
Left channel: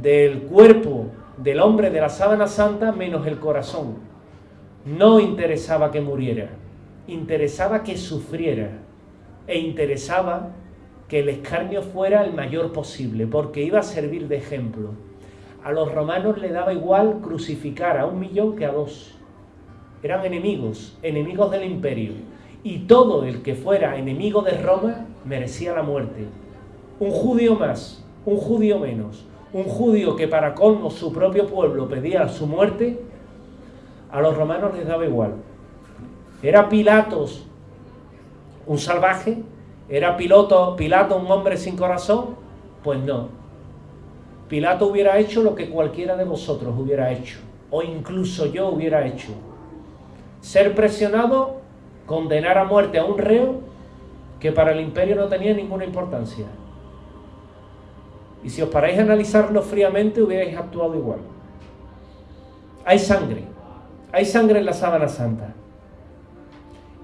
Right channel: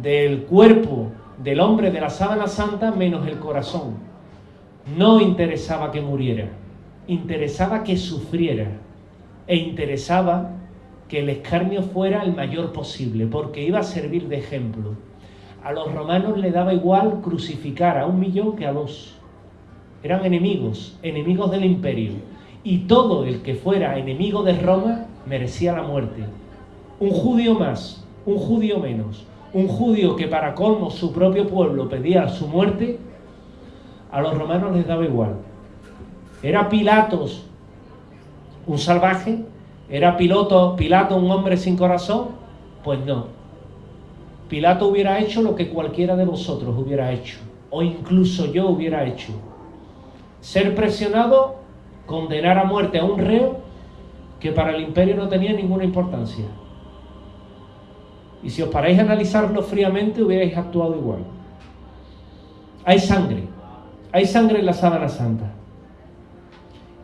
del cuerpo del hombre de la sábana santa menos el corazón. No interesaba que muriera, interesaba que sufriera, e interesaba que el escarnio fuera el mayor posible, porque iba a servir de ejemplo. A los romanos les daba igual crucificar a 1 millón que a 2. Eran enemigos del imperio, y todo el que fuera enemigo de Roma merecía la muerte. Un judío más, un judío menos, un judío que para colmo su propio pueblo pedía su muerte, a los romanos les daba igual. ¿Era Pilatos un salvaje? ¿Era Pilato un hombre sin corazón? Pues no. Pilato hubiera hecho lo que cualquiera de vosotros hubiera hecho, o incluso yo hubiera hecho. Ser presionado, condenar a muerte a un reo que para el imperio no tenía ninguna importancia. Y si os paráis a analizarlo fríamente, hubierais actuado igual. Hay sangre en la sábana santa.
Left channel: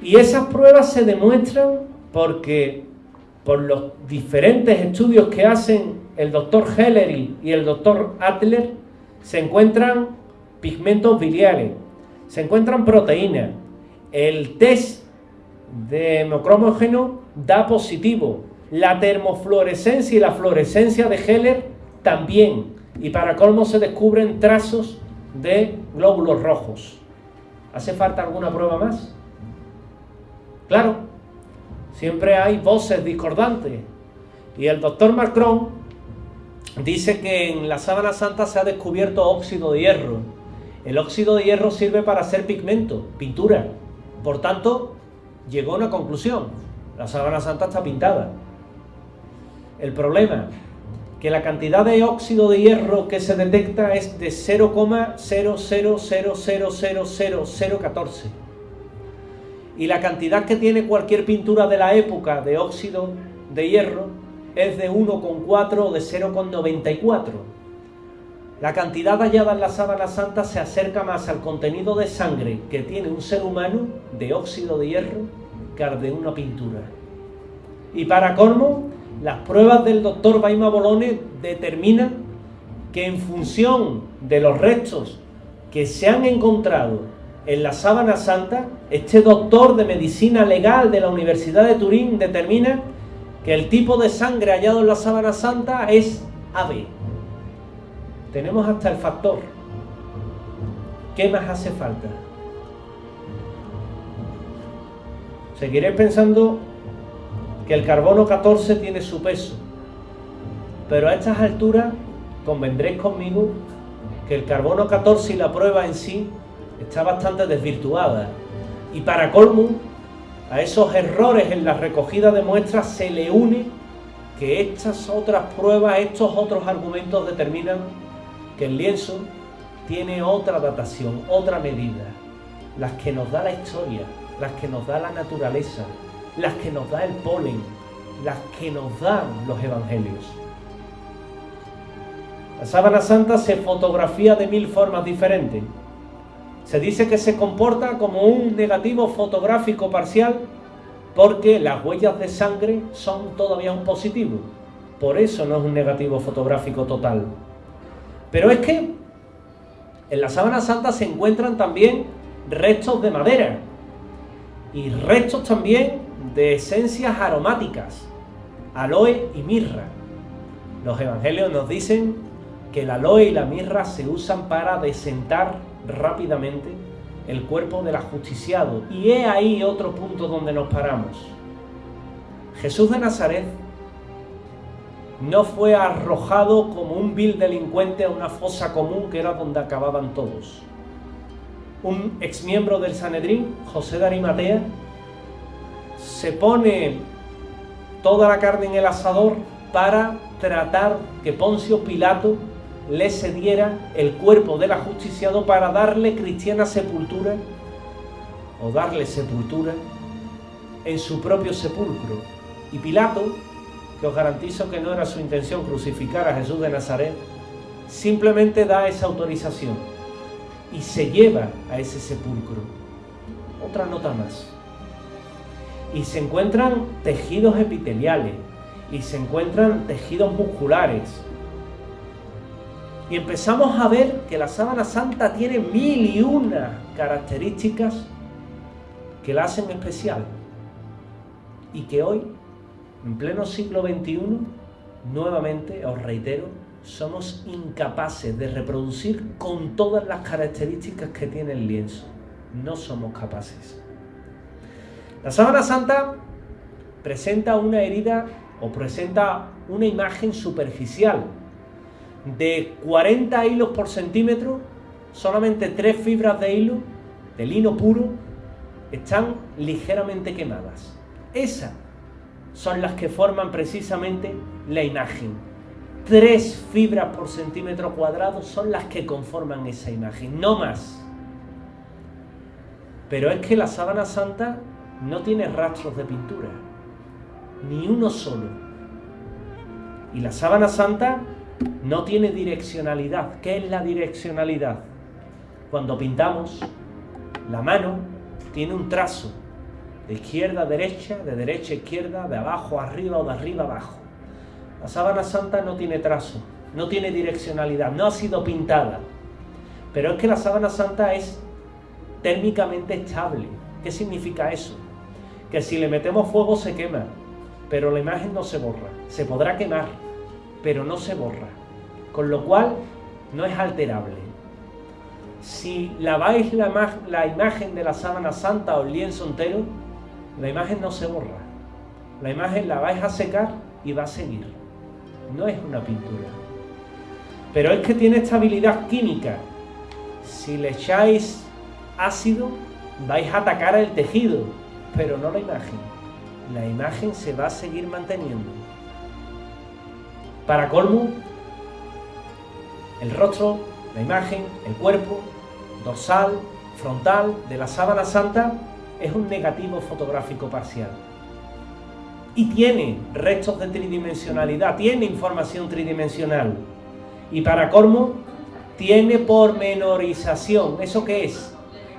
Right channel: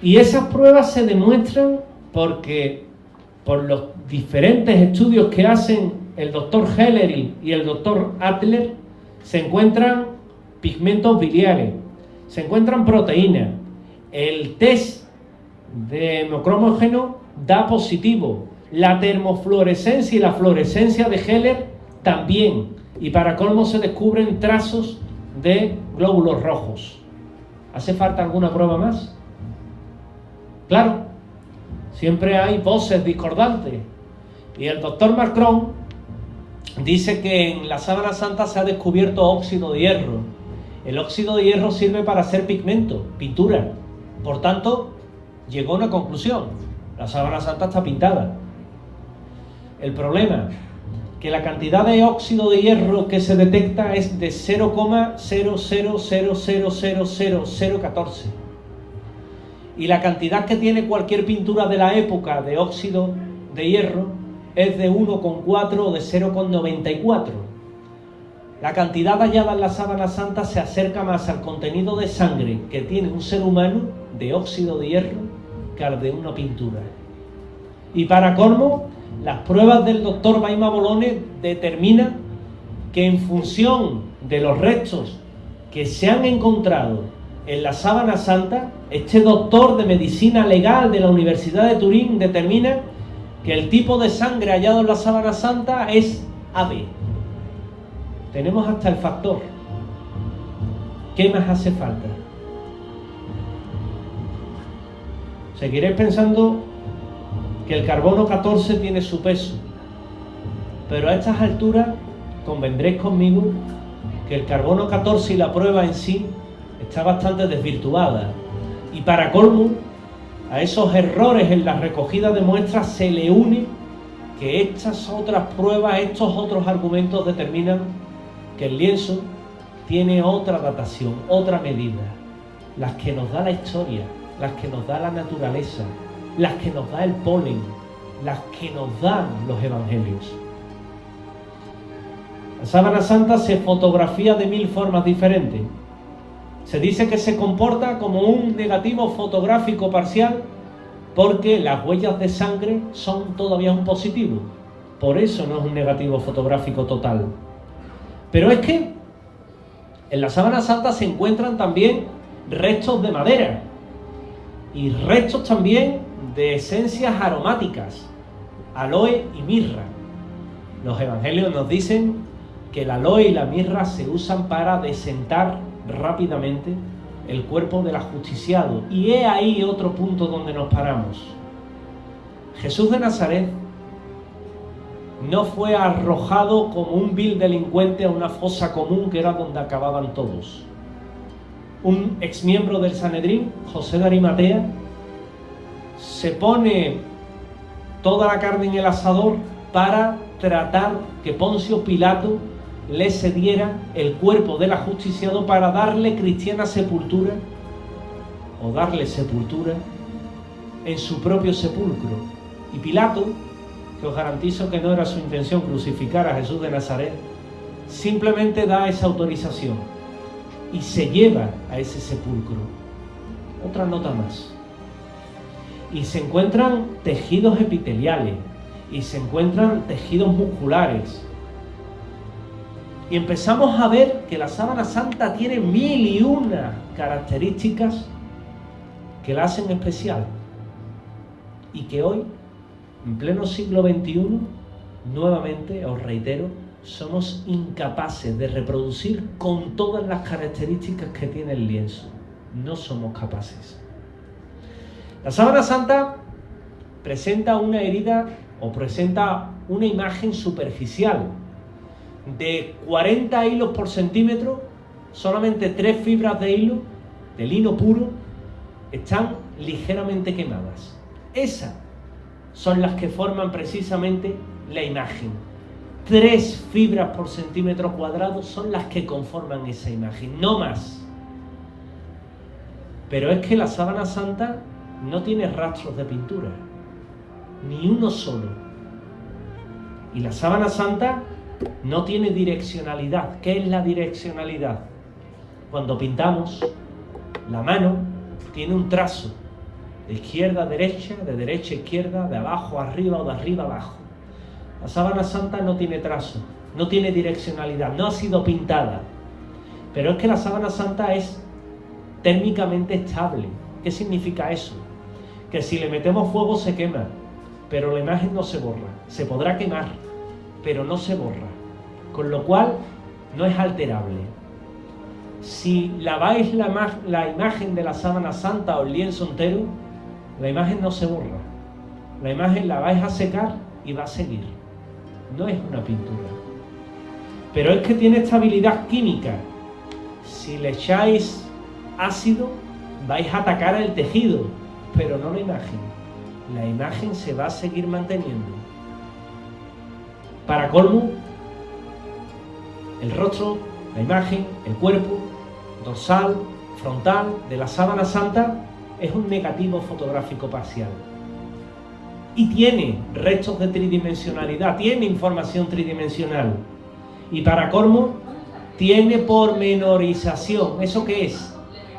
Y esas pruebas se demuestran porque, por los diferentes estudios que hacen el doctor Hellery y el doctor Adler, se encuentran pigmentos biliares, se encuentran proteínas. El test de hemocromógeno da positivo. La termofluorescencia y la fluorescencia de Heller también. Y para colmo se descubren trazos de glóbulos rojos. ¿Hace falta alguna prueba más? Claro, siempre hay voces discordantes. Y el doctor Macron dice que en la sábana santa se ha descubierto óxido de hierro. El óxido de hierro sirve para hacer pigmento, pintura. Por tanto, llegó a una conclusión: la sábana santa está pintada. El problema, que la cantidad de óxido de hierro que se detecta es de 0,000000014. Y la cantidad que tiene cualquier pintura de la época de óxido de hierro es de 1,4 o de 0,94. La cantidad hallada en la sábana santa se acerca más al contenido de sangre que tiene un ser humano de óxido de hierro que al de una pintura. Y para colmo, las pruebas del doctor Baima Bolone determinan que en función de los restos que se han encontrado en la sábana santa, este doctor de medicina legal de la Universidad de Turín determina que el tipo de sangre hallado en la sábana santa es AB. Tenemos hasta el factor. ¿Qué más hace falta? Seguiréis pensando que el carbono 14 tiene su peso, pero a estas alturas convendréis conmigo que el carbono 14 y la prueba en sí está bastante desvirtuada, y para colmo a esos errores en la recogida de muestras se le une que estas otras pruebas, estos otros argumentos determinan que el lienzo tiene otra datación, otra medida, las que nos da la historia, las que nos da la naturaleza, las que nos da el polen, las que nos dan los evangelios. La sábana santa se fotografía de 1000 formas diferentes. Se dice que se comporta como un negativo fotográfico parcial porque las huellas de sangre son todavía un positivo. Por eso no es un negativo fotográfico total. Pero es que en la sábana santa se encuentran también restos de madera y restos también de esencias aromáticas, aloe y mirra. Los evangelios nos dicen que el aloe y la mirra se usan para desentar rápidamente el cuerpo del ajusticiado. Y he ahí otro punto donde nos paramos. Jesús de Nazaret no fue arrojado como un vil delincuente a una fosa común que era donde acababan todos. Un exmiembro del Sanedrín, José de Arimatea, se pone toda la carne en el asador para tratar que Poncio Pilato le cediera el cuerpo del ajusticiado para darle cristiana sepultura o darle sepultura en su propio sepulcro. Y Pilato, que os garantizo que no era su intención crucificar a Jesús de Nazaret, simplemente da esa autorización y se lleva a ese sepulcro. Otra nota más. Y se encuentran tejidos epiteliales y se encuentran tejidos musculares. Y empezamos a ver que la sábana santa tiene 1001 características que la hacen especial. Y que hoy, en pleno siglo XXI, nuevamente, os reitero, somos incapaces de reproducir con todas las características que tiene el lienzo. No somos capaces. La sábana santa presenta una herida o presenta una imagen superficial de 40 hilos por centímetro. Solamente 3 fibras de hilo, de lino puro, están ligeramente quemadas. Esas son las que forman precisamente la imagen. 3 fibras por centímetro cuadrado son las que conforman esa imagen, no más. Pero es que la sábana santa no tiene rastros de pintura, ni uno solo. Y la sábana santa no tiene direccionalidad. ¿Qué es la direccionalidad? Cuando pintamos, la mano tiene un trazo de izquierda a derecha, de derecha a izquierda, de abajo a arriba o de arriba a abajo. La sábana santa no tiene trazo, no tiene direccionalidad, no ha sido pintada. Pero es que la sábana santa es térmicamente estable. ¿Qué significa eso? Que si le metemos fuego se quema, pero la imagen no se borra. Se podrá quemar, pero no se borra. Con lo cual, no es alterable. Si laváis la imagen de la sábana santa o el lienzo entero, la imagen no se borra. La imagen la vais a secar y va a seguir. No es una pintura. Pero es que tiene estabilidad química. Si le echáis ácido, vais a atacar el tejido, pero no la imagen. La imagen se va a seguir manteniendo. Para colmo, el rostro, la imagen, el cuerpo, dorsal, frontal de la sábana santa es un negativo fotográfico parcial. Y tiene restos de tridimensionalidad, tiene información tridimensional. Y para colmo, tiene pormenorización. ¿Eso qué es?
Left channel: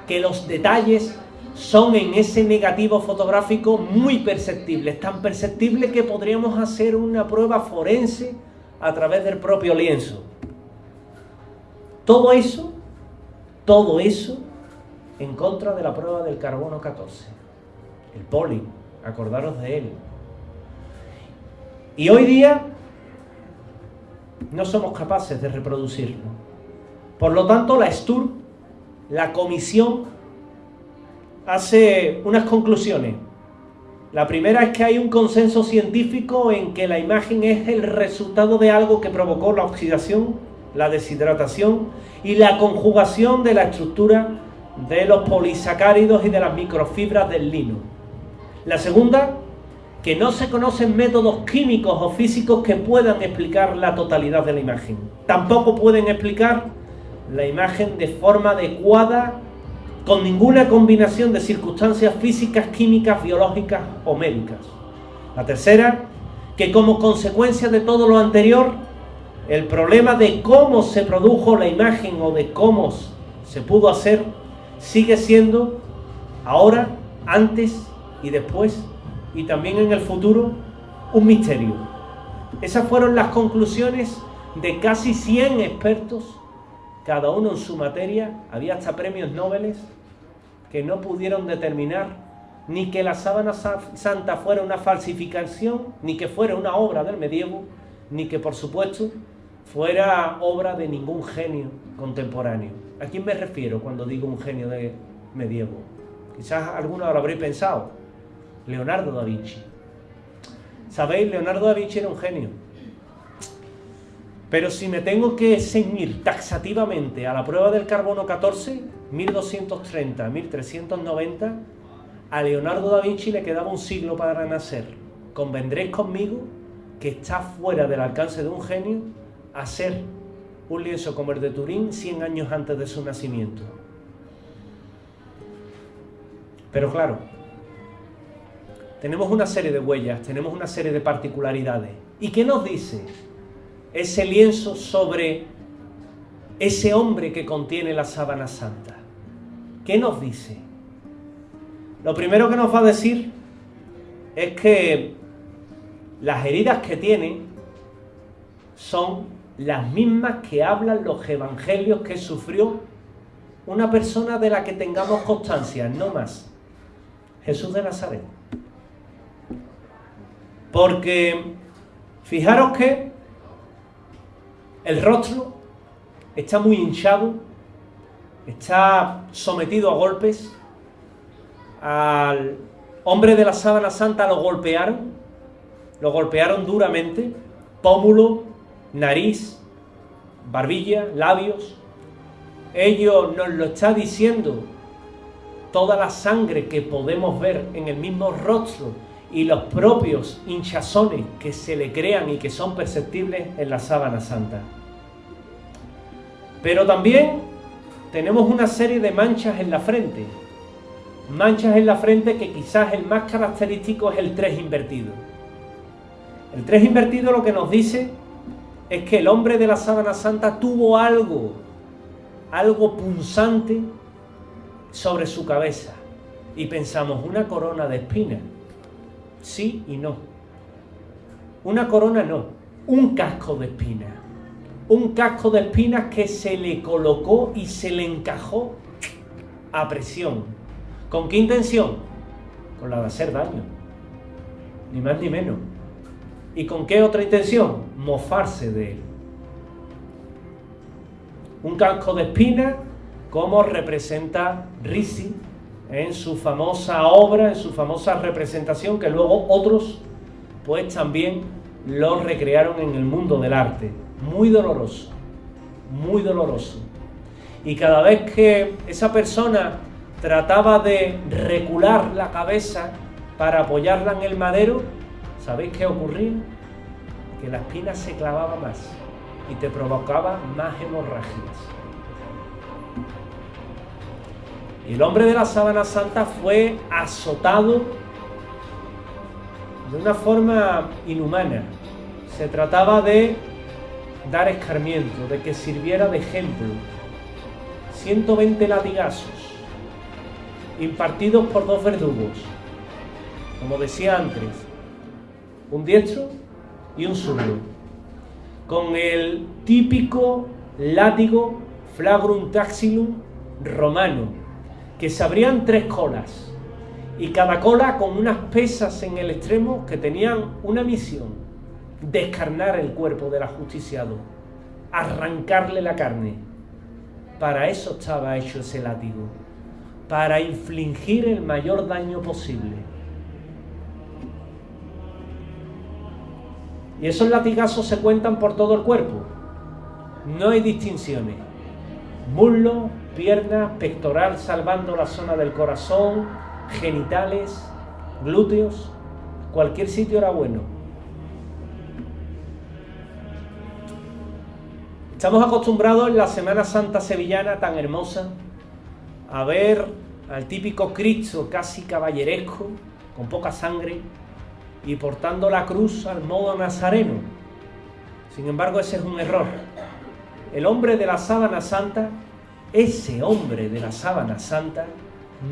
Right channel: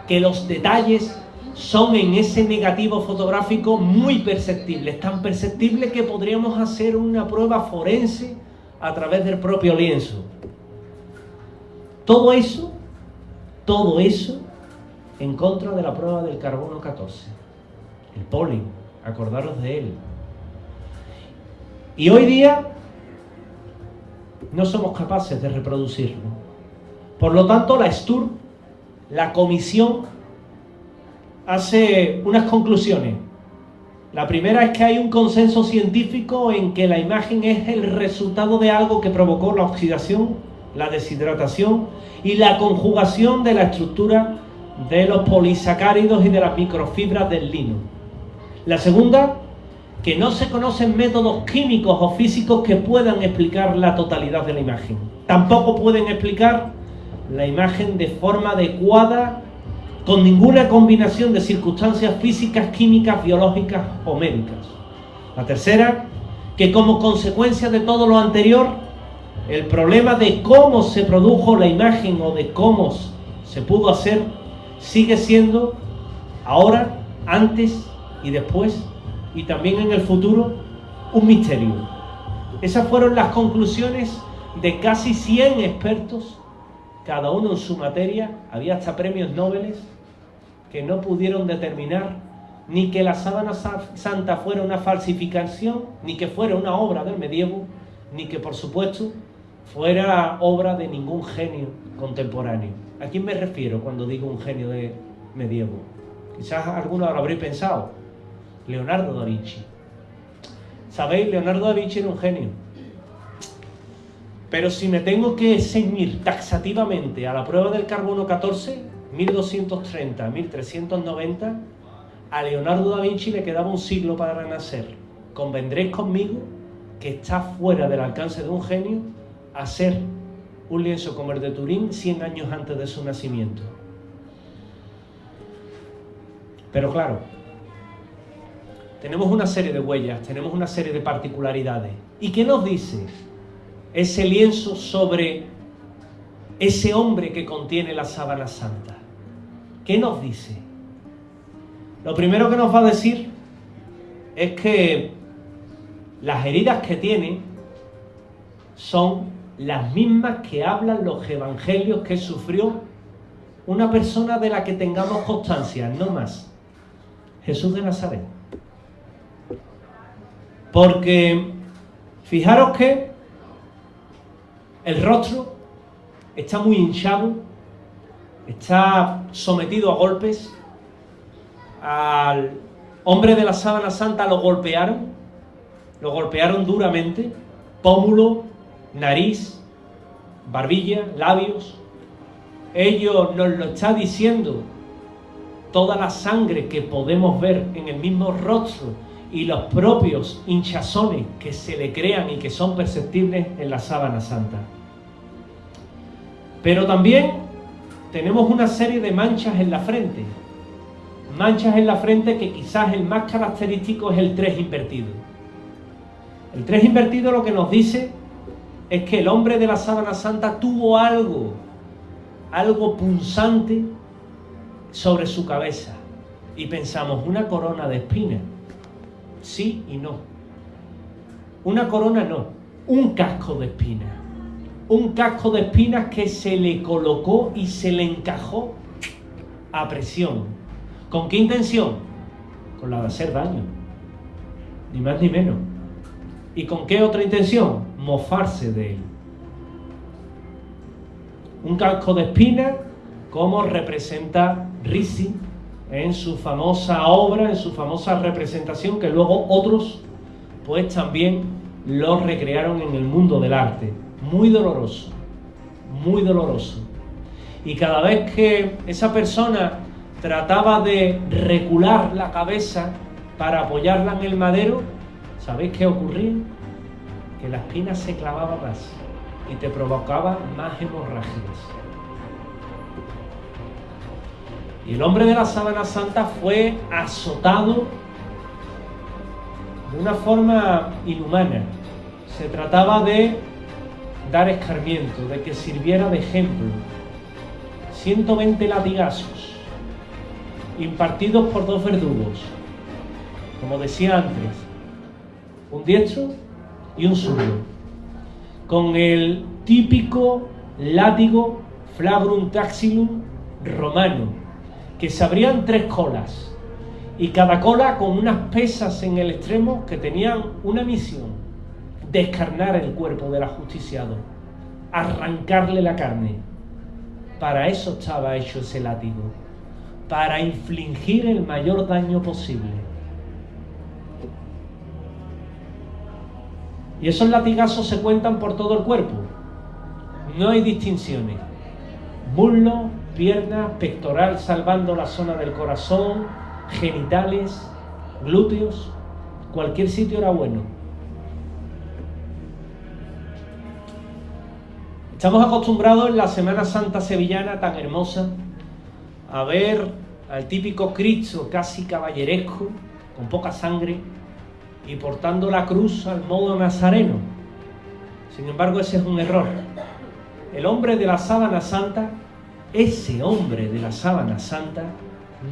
Que los detalles son en ese negativo fotográfico muy perceptibles, tan perceptibles que podríamos hacer una prueba forense a través del propio lienzo. Todo eso en contra de la prueba del carbono 14. El polen, acordaros de él. Y hoy día no somos capaces de reproducirlo. Por lo tanto, la STURB, la comisión, hace unas conclusiones. La primera es que hay un consenso científico en que la imagen es el resultado de algo que provocó la oxidación, la deshidratación y la conjugación de la estructura de los polisacáridos y de las microfibras del lino. La segunda, que no se conocen métodos químicos o físicos que puedan explicar la totalidad de la imagen. Tampoco pueden explicar la imagen de forma adecuada con ninguna combinación de circunstancias físicas, químicas, biológicas o médicas. La tercera, que como consecuencia de todo lo anterior, el problema de cómo se produjo la imagen o de cómo se pudo hacer sigue siendo ahora, antes y después y también en el futuro un misterio. Esas fueron las conclusiones de casi 100 expertos, cada uno en su materia. Había hasta premios Nobel que no pudieron determinar ni que la sábana santa fuera una falsificación, ni que fuera una obra del medievo, ni que por supuesto fuera obra de ningún genio contemporáneo. ¿A quién me refiero cuando digo un genio de medievo? Quizás algunos lo habréis pensado. Leonardo da Vinci. ¿Sabéis? Leonardo da Vinci era un genio. Pero si me tengo que ceñir taxativamente a la prueba del carbono 14, 1230, 1390, a Leonardo da Vinci le quedaba un siglo para nacer. convendréis conmigo que está fuera del alcance de un genio hacer un lienzo como el de Turín 100 años antes de su nacimiento. Pero claro, tenemos una serie de huellas, tenemos una serie de particularidades. ¿Y qué nos dice ese lienzo sobre ese hombre que contiene la sábana santa? ¿Qué nos dice? Lo primero que nos va a decir es que las heridas que tiene son las mismas que hablan los evangelios que sufrió una persona de la que tengamos constancia, no más. Jesús de Nazaret. Porque fijaros que el rostro está muy hinchado, está sometido a golpes. Al hombre de la sábana santa lo golpearon duramente, pómulo, nariz, barbilla, labios. Ello nos lo está diciendo toda la sangre que podemos ver en el mismo rostro y los propios hinchazones que se le crean y que son perceptibles en la sábana santa. Pero también tenemos una serie de manchas en la frente. Manchas en la frente que quizás el más característico es el 3 invertido. El 3 invertido lo que nos dice es que el hombre de la sábana santa tuvo algo punzante sobre su cabeza. Y pensamos, una corona de espinas. Sí y no. Una corona no, un casco de espinas. Un casco de espinas que se le colocó y se le encajó a presión. ¿Con qué intención? Con la de hacer daño. Ni más ni menos. ¿Y con qué otra intención? Mofarse de él. Un casco de espinas como representa Ricci en su famosa obra, en su famosa representación, que luego otros pues también lo recrearon en el mundo del arte. Muy doloroso, muy doloroso. Y cada vez que esa persona trataba de recular la cabeza para apoyarla en el madero, ¿sabéis qué ocurría? Que la espina se clavaba más y te provocaba más hemorragias. Y el hombre de la sábana santa fue azotado de una forma inhumana. Se trataba de dar escarmiento, de que sirviera de ejemplo. 120 latigazos impartidos por 2 verdugos, como decía antes, un diestro y un zurdo, con el típico látigo flagrum taxilum romano, que se abrían 3 colas, y cada cola con unas pesas en el extremo que tenían una misión: descarnar el cuerpo del ajusticiado, arrancarle la carne. Para eso estaba hecho ese látigo, para infligir el mayor daño posible. Y esos latigazos se cuentan por todo el cuerpo. No hay distinciones. Muslo, piernas, pectoral salvando la zona del corazón, genitales, glúteos, cualquier sitio era bueno. Estamos acostumbrados en la Semana Santa sevillana tan hermosa a ver al típico Cristo casi caballeresco, con poca sangre y portando la cruz al modo nazareno. Sin embargo, ese es un error. El hombre de la sábana santa, ese hombre de la sábana santa,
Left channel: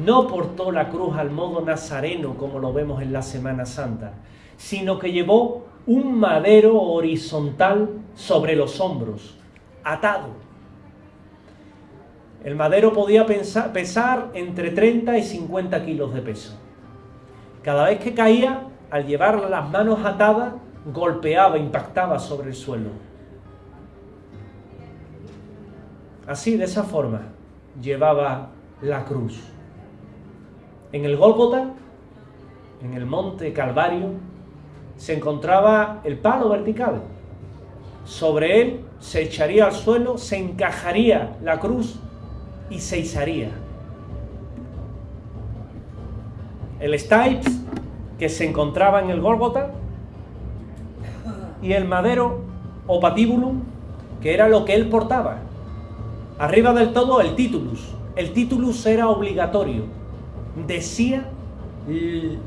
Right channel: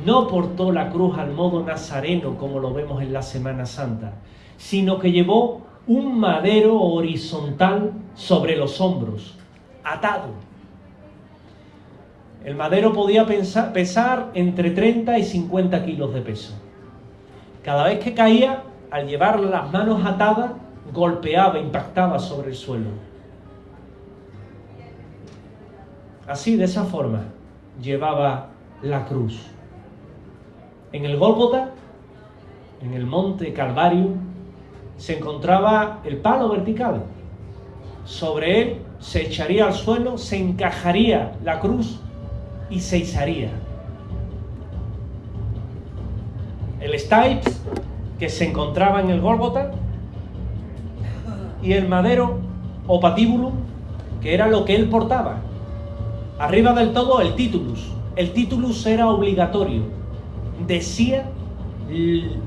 no portó la cruz al modo nazareno como lo vemos en la Semana Santa, sino que llevó un madero horizontal sobre los hombros, atado. El madero podía pesar entre 30 y 50 kilos de peso. Cada vez que caía, al llevar las manos atadas, golpeaba, impactaba sobre el suelo. Así, de esa forma, llevaba la cruz. En el Gólgota, en el monte Calvario, se encontraba el palo vertical. Sobre él se echaría al suelo, se encajaría la cruz y se izaría. El stipes, que se encontraba en el Gólgota, y el madero o patíbulum, que era lo que él portaba. Arriba del todo el titulus. El titulus era obligatorio. Decía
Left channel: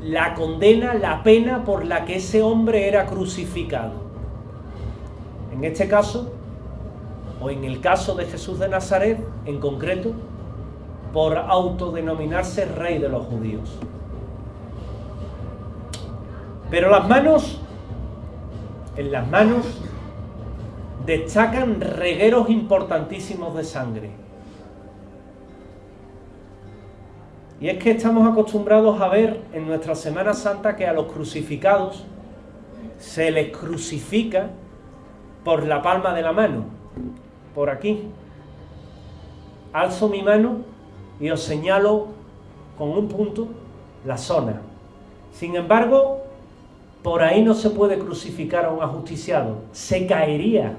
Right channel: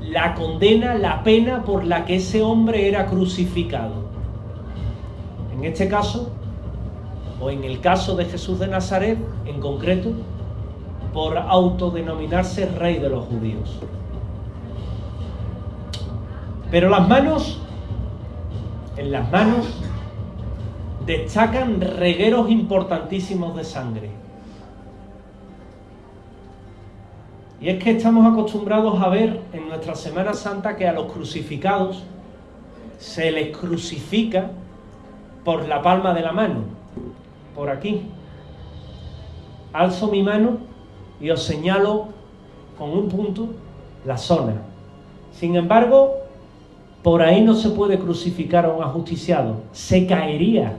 la condena, la pena por la que ese hombre era crucificado. En este caso, o en el caso de Jesús de Nazaret, en concreto, por autodenominarse rey de los judíos. Pero en las manos destacan regueros importantísimos de sangre. Y es que estamos acostumbrados a ver en nuestra Semana Santa que a los crucificados se les crucifica por la palma de la mano, por aquí. Alzo mi mano y os señalo con un punto la zona. Sin embargo, por ahí no se puede crucificar a un ajusticiado, se caería,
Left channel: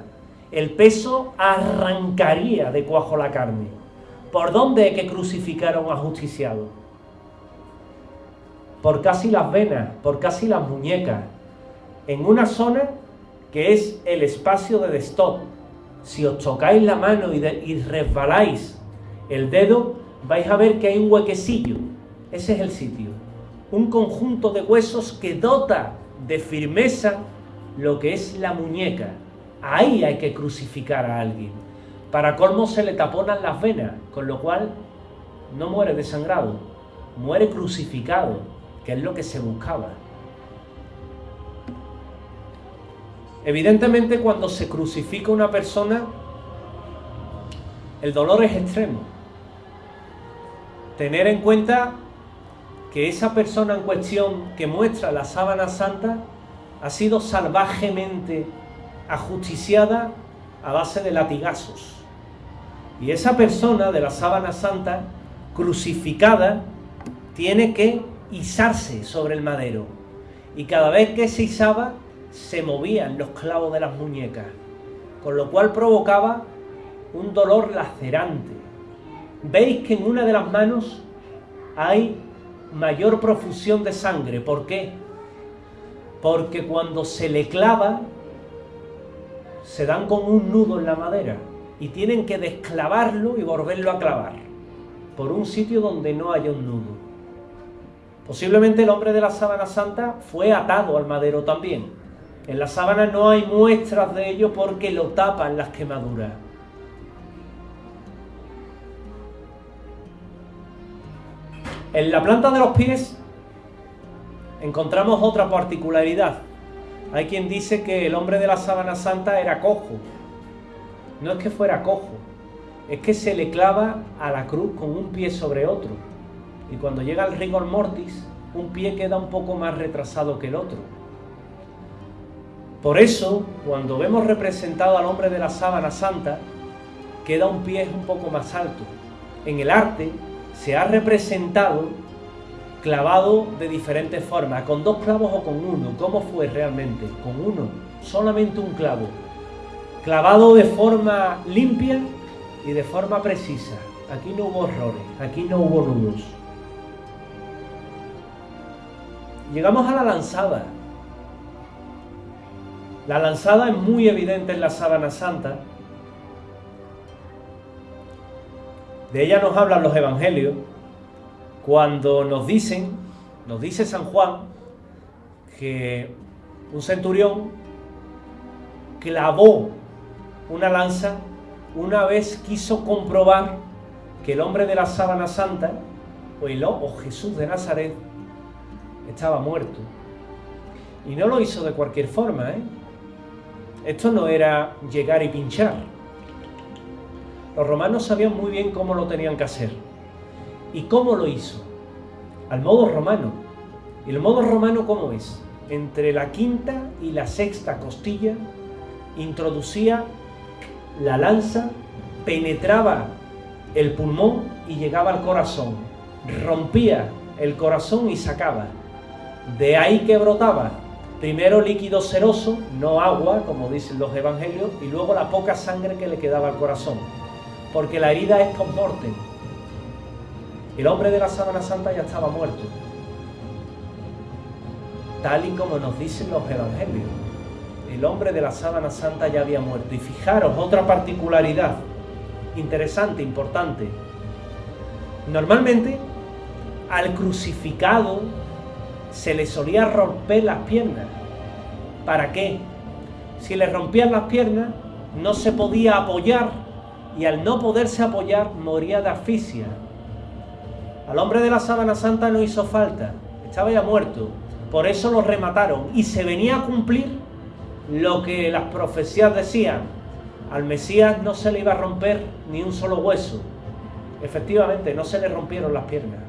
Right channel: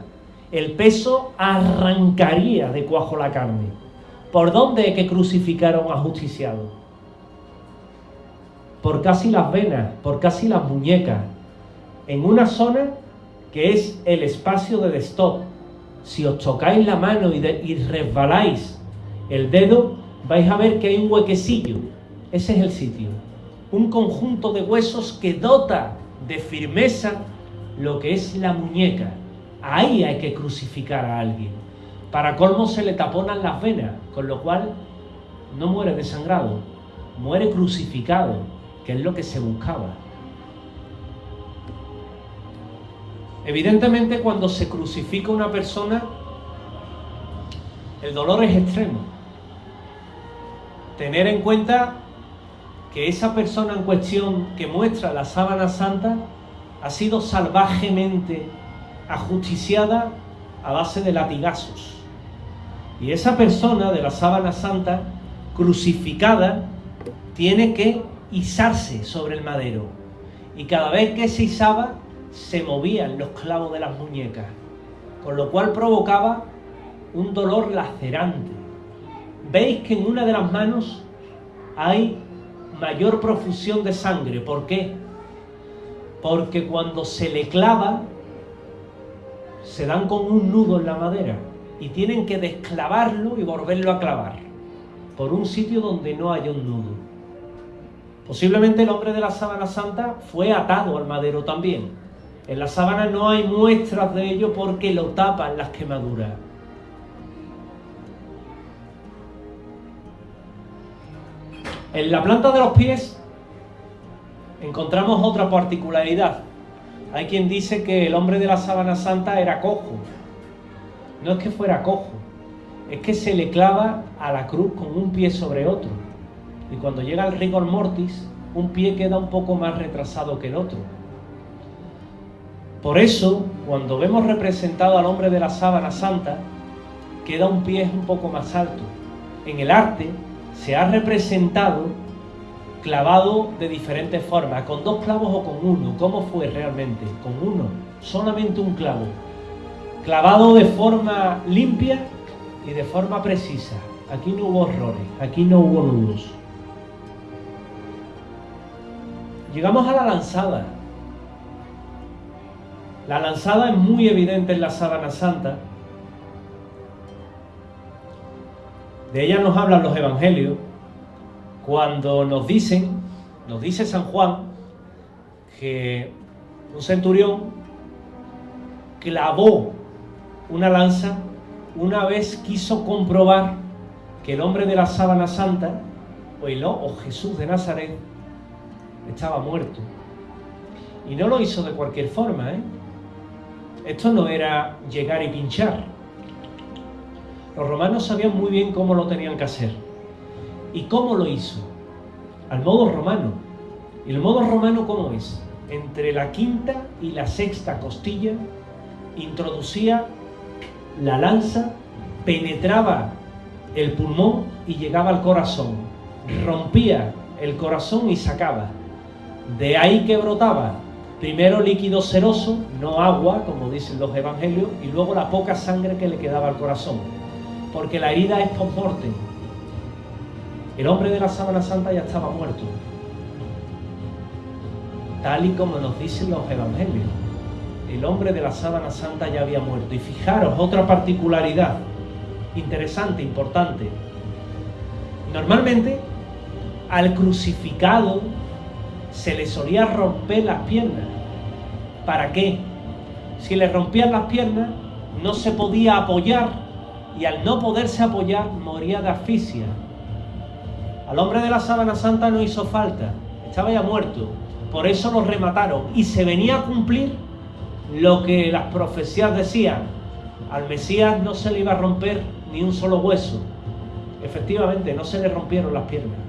el peso arrancaría de cuajo la carne. ¿Por dónde hay que crucificar a un ajusticiado? Por casi las venas, por casi las muñecas, en una zona que es el espacio de destop. Si os tocáis la mano y resbaláis el dedo, vais a ver que hay un huequecillo. Ese es el sitio. Un conjunto de huesos que dota de firmeza lo que es la muñeca. Ahí hay que crucificar a alguien. Para colmo se le taponan las venas, con lo cual no muere desangrado, muere crucificado, que es lo que se buscaba. Evidentemente, cuando se crucifica una persona, el dolor es extremo. Tener en cuenta que esa persona en cuestión que muestra la sábana santa ha sido salvajemente ajusticiada a base de latigazos. Y esa persona de la sábana santa, crucificada, tiene que izarse sobre el madero. Y cada vez que se izaba, se movían los clavos de las muñecas, con lo cual provocaba un dolor lacerante. Veis que en una de las manos hay mayor profusión de sangre. ¿Por qué? Porque cuando se le clava, se dan con un nudo en la madera y tienen que desclavarlo y volverlo a clavar por un sitio donde no haya un nudo. Posiblemente el hombre de la sábana santa fue atado al madero también. En la sábana no hay muestras de ello porque lo tapan las quemaduras. En la planta de los pies encontramos otra particularidad. Hay quien dice que el hombre de la sábana santa era cojo. No es que fuera cojo, es que se le clava a la cruz con un pie sobre otro. Y cuando llega el rigor mortis, un pie queda un poco más retrasado que el otro. Por eso, cuando vemos representado al hombre de la sábana santa, queda un pie un poco más alto. En el arte se ha representado clavado de diferentes formas, con 2 clavos o con uno. ¿Cómo fue realmente? Con uno, solamente un clavo. Clavado de forma limpia y de forma precisa. Aquí no hubo errores, aquí no hubo nudos. Llegamos a la lanzada. La lanzada es muy evidente en la sábana santa. De ella nos hablan los evangelios cuando nos dice San Juan que un centurión clavó una lanza una vez quiso comprobar que el hombre de la sábana santa o Jesús de Nazaret estaba muerto. Y no lo hizo de cualquier forma, Esto no era llegar y pinchar. Los romanos sabían muy bien cómo lo tenían que hacer. ¿Y cómo lo hizo? Al modo romano. ¿Y el modo romano cómo es? Entre la quinta y la sexta costilla introducía la lanza, penetraba el pulmón y llegaba al corazón. Rompía el corazón y sacaba. De ahí que brotaba primero líquido seroso, no agua, como dicen los evangelios, y luego la poca sangre que le quedaba al corazón. Porque la herida es post-mortem. El hombre de la sábana santa ya estaba muerto. tal y como nos dicen los evangelios. El hombre de la sábana santa ya había muerto. Y fijaros, otra particularidad interesante, importante. Normalmente, al crucificado se le solía romper las piernas. ¿Para qué? Si le rompían las piernas, no se podía apoyar, y al no poderse apoyar, moría de asfixia. Al hombre de la sábana santa no hizo falta, estaba ya muerto. Por eso lo remataron, y se venía a cumplir lo que las profecías decían: al Mesías no se le iba a romper ni un solo hueso. Efectivamente, no se le rompieron las piernas.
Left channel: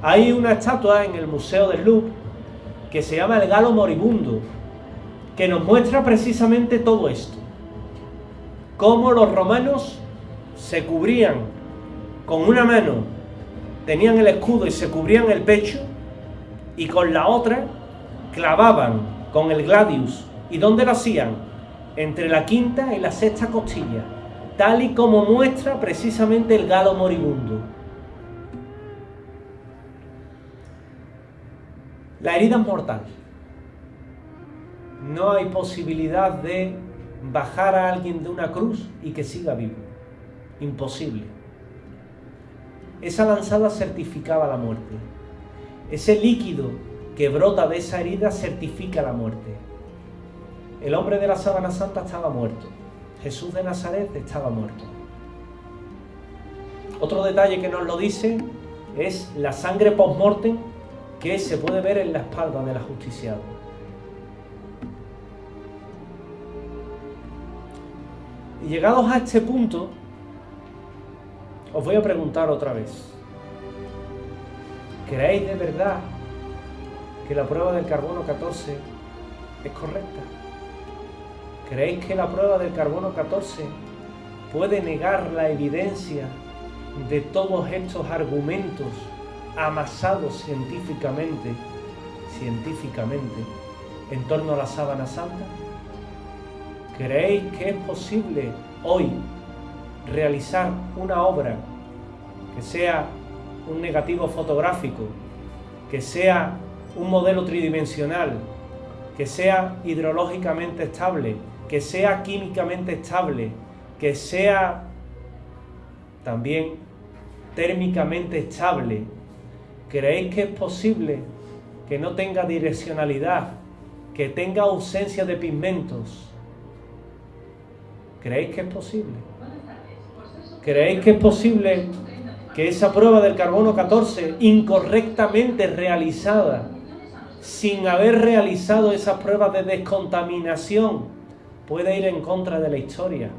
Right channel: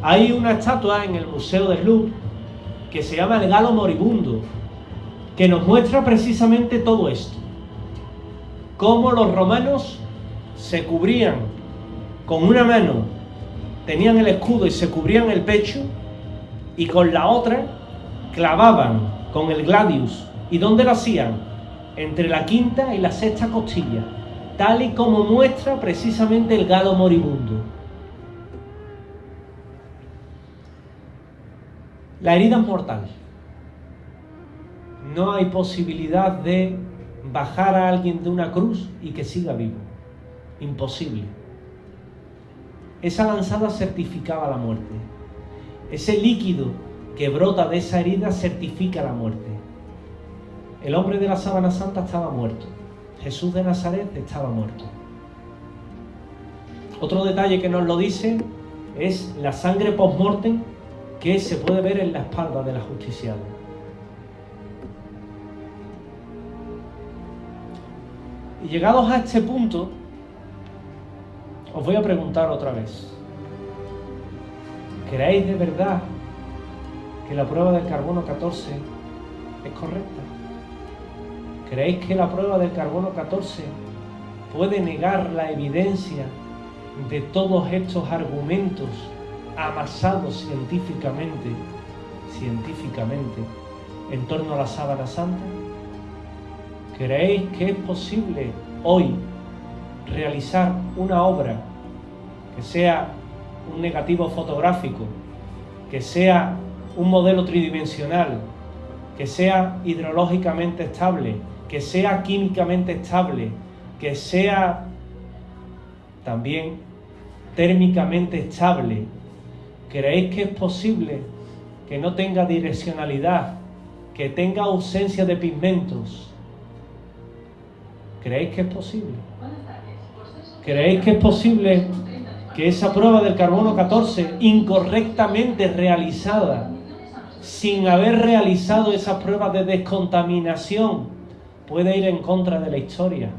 Hay una estatua en el Museo del Louvre que se llama el Galo Moribundo, que nos muestra precisamente todo esto. Cómo los romanos se cubrían con una mano, tenían el escudo y se cubrían el pecho, y con la otra clavaban con el gladius. ¿Y dónde lo hacían? Entre la quinta y la sexta costilla, tal y como muestra precisamente el Galo Moribundo. La herida es mortal. No hay posibilidad de bajar a alguien de una cruz y que siga vivo. Imposible. Esa lanzada certificaba la muerte. Ese líquido que brota de esa herida certifica la muerte. El hombre de la sábana santa estaba muerto. Jesús de Nazaret estaba muerto. Otro detalle que nos lo dice es la sangre post-mortem que se puede ver en la espalda del ajusticiado. Y llegados a este punto, os voy a preguntar otra vez: ¿creéis de verdad que la prueba del carbono 14 es correcta? ¿Creéis que la prueba del carbono 14 puede negar la evidencia de todos estos argumentos amasados científicamente en torno a la sábana santa? ¿Creéis que es posible hoy realizar una obra que sea un negativo fotográfico, que sea un modelo tridimensional, que sea hidrológicamente estable, que sea químicamente estable, que sea también térmicamente estable? ¿Creéis que es posible que no tenga direccionalidad, que tenga ausencia de pigmentos? ¿Creéis que es posible? ¿Creéis que es posible que esa prueba del carbono 14, incorrectamente realizada, sin haber realizado esas pruebas de descontaminación, pueda ir en contra de la historia,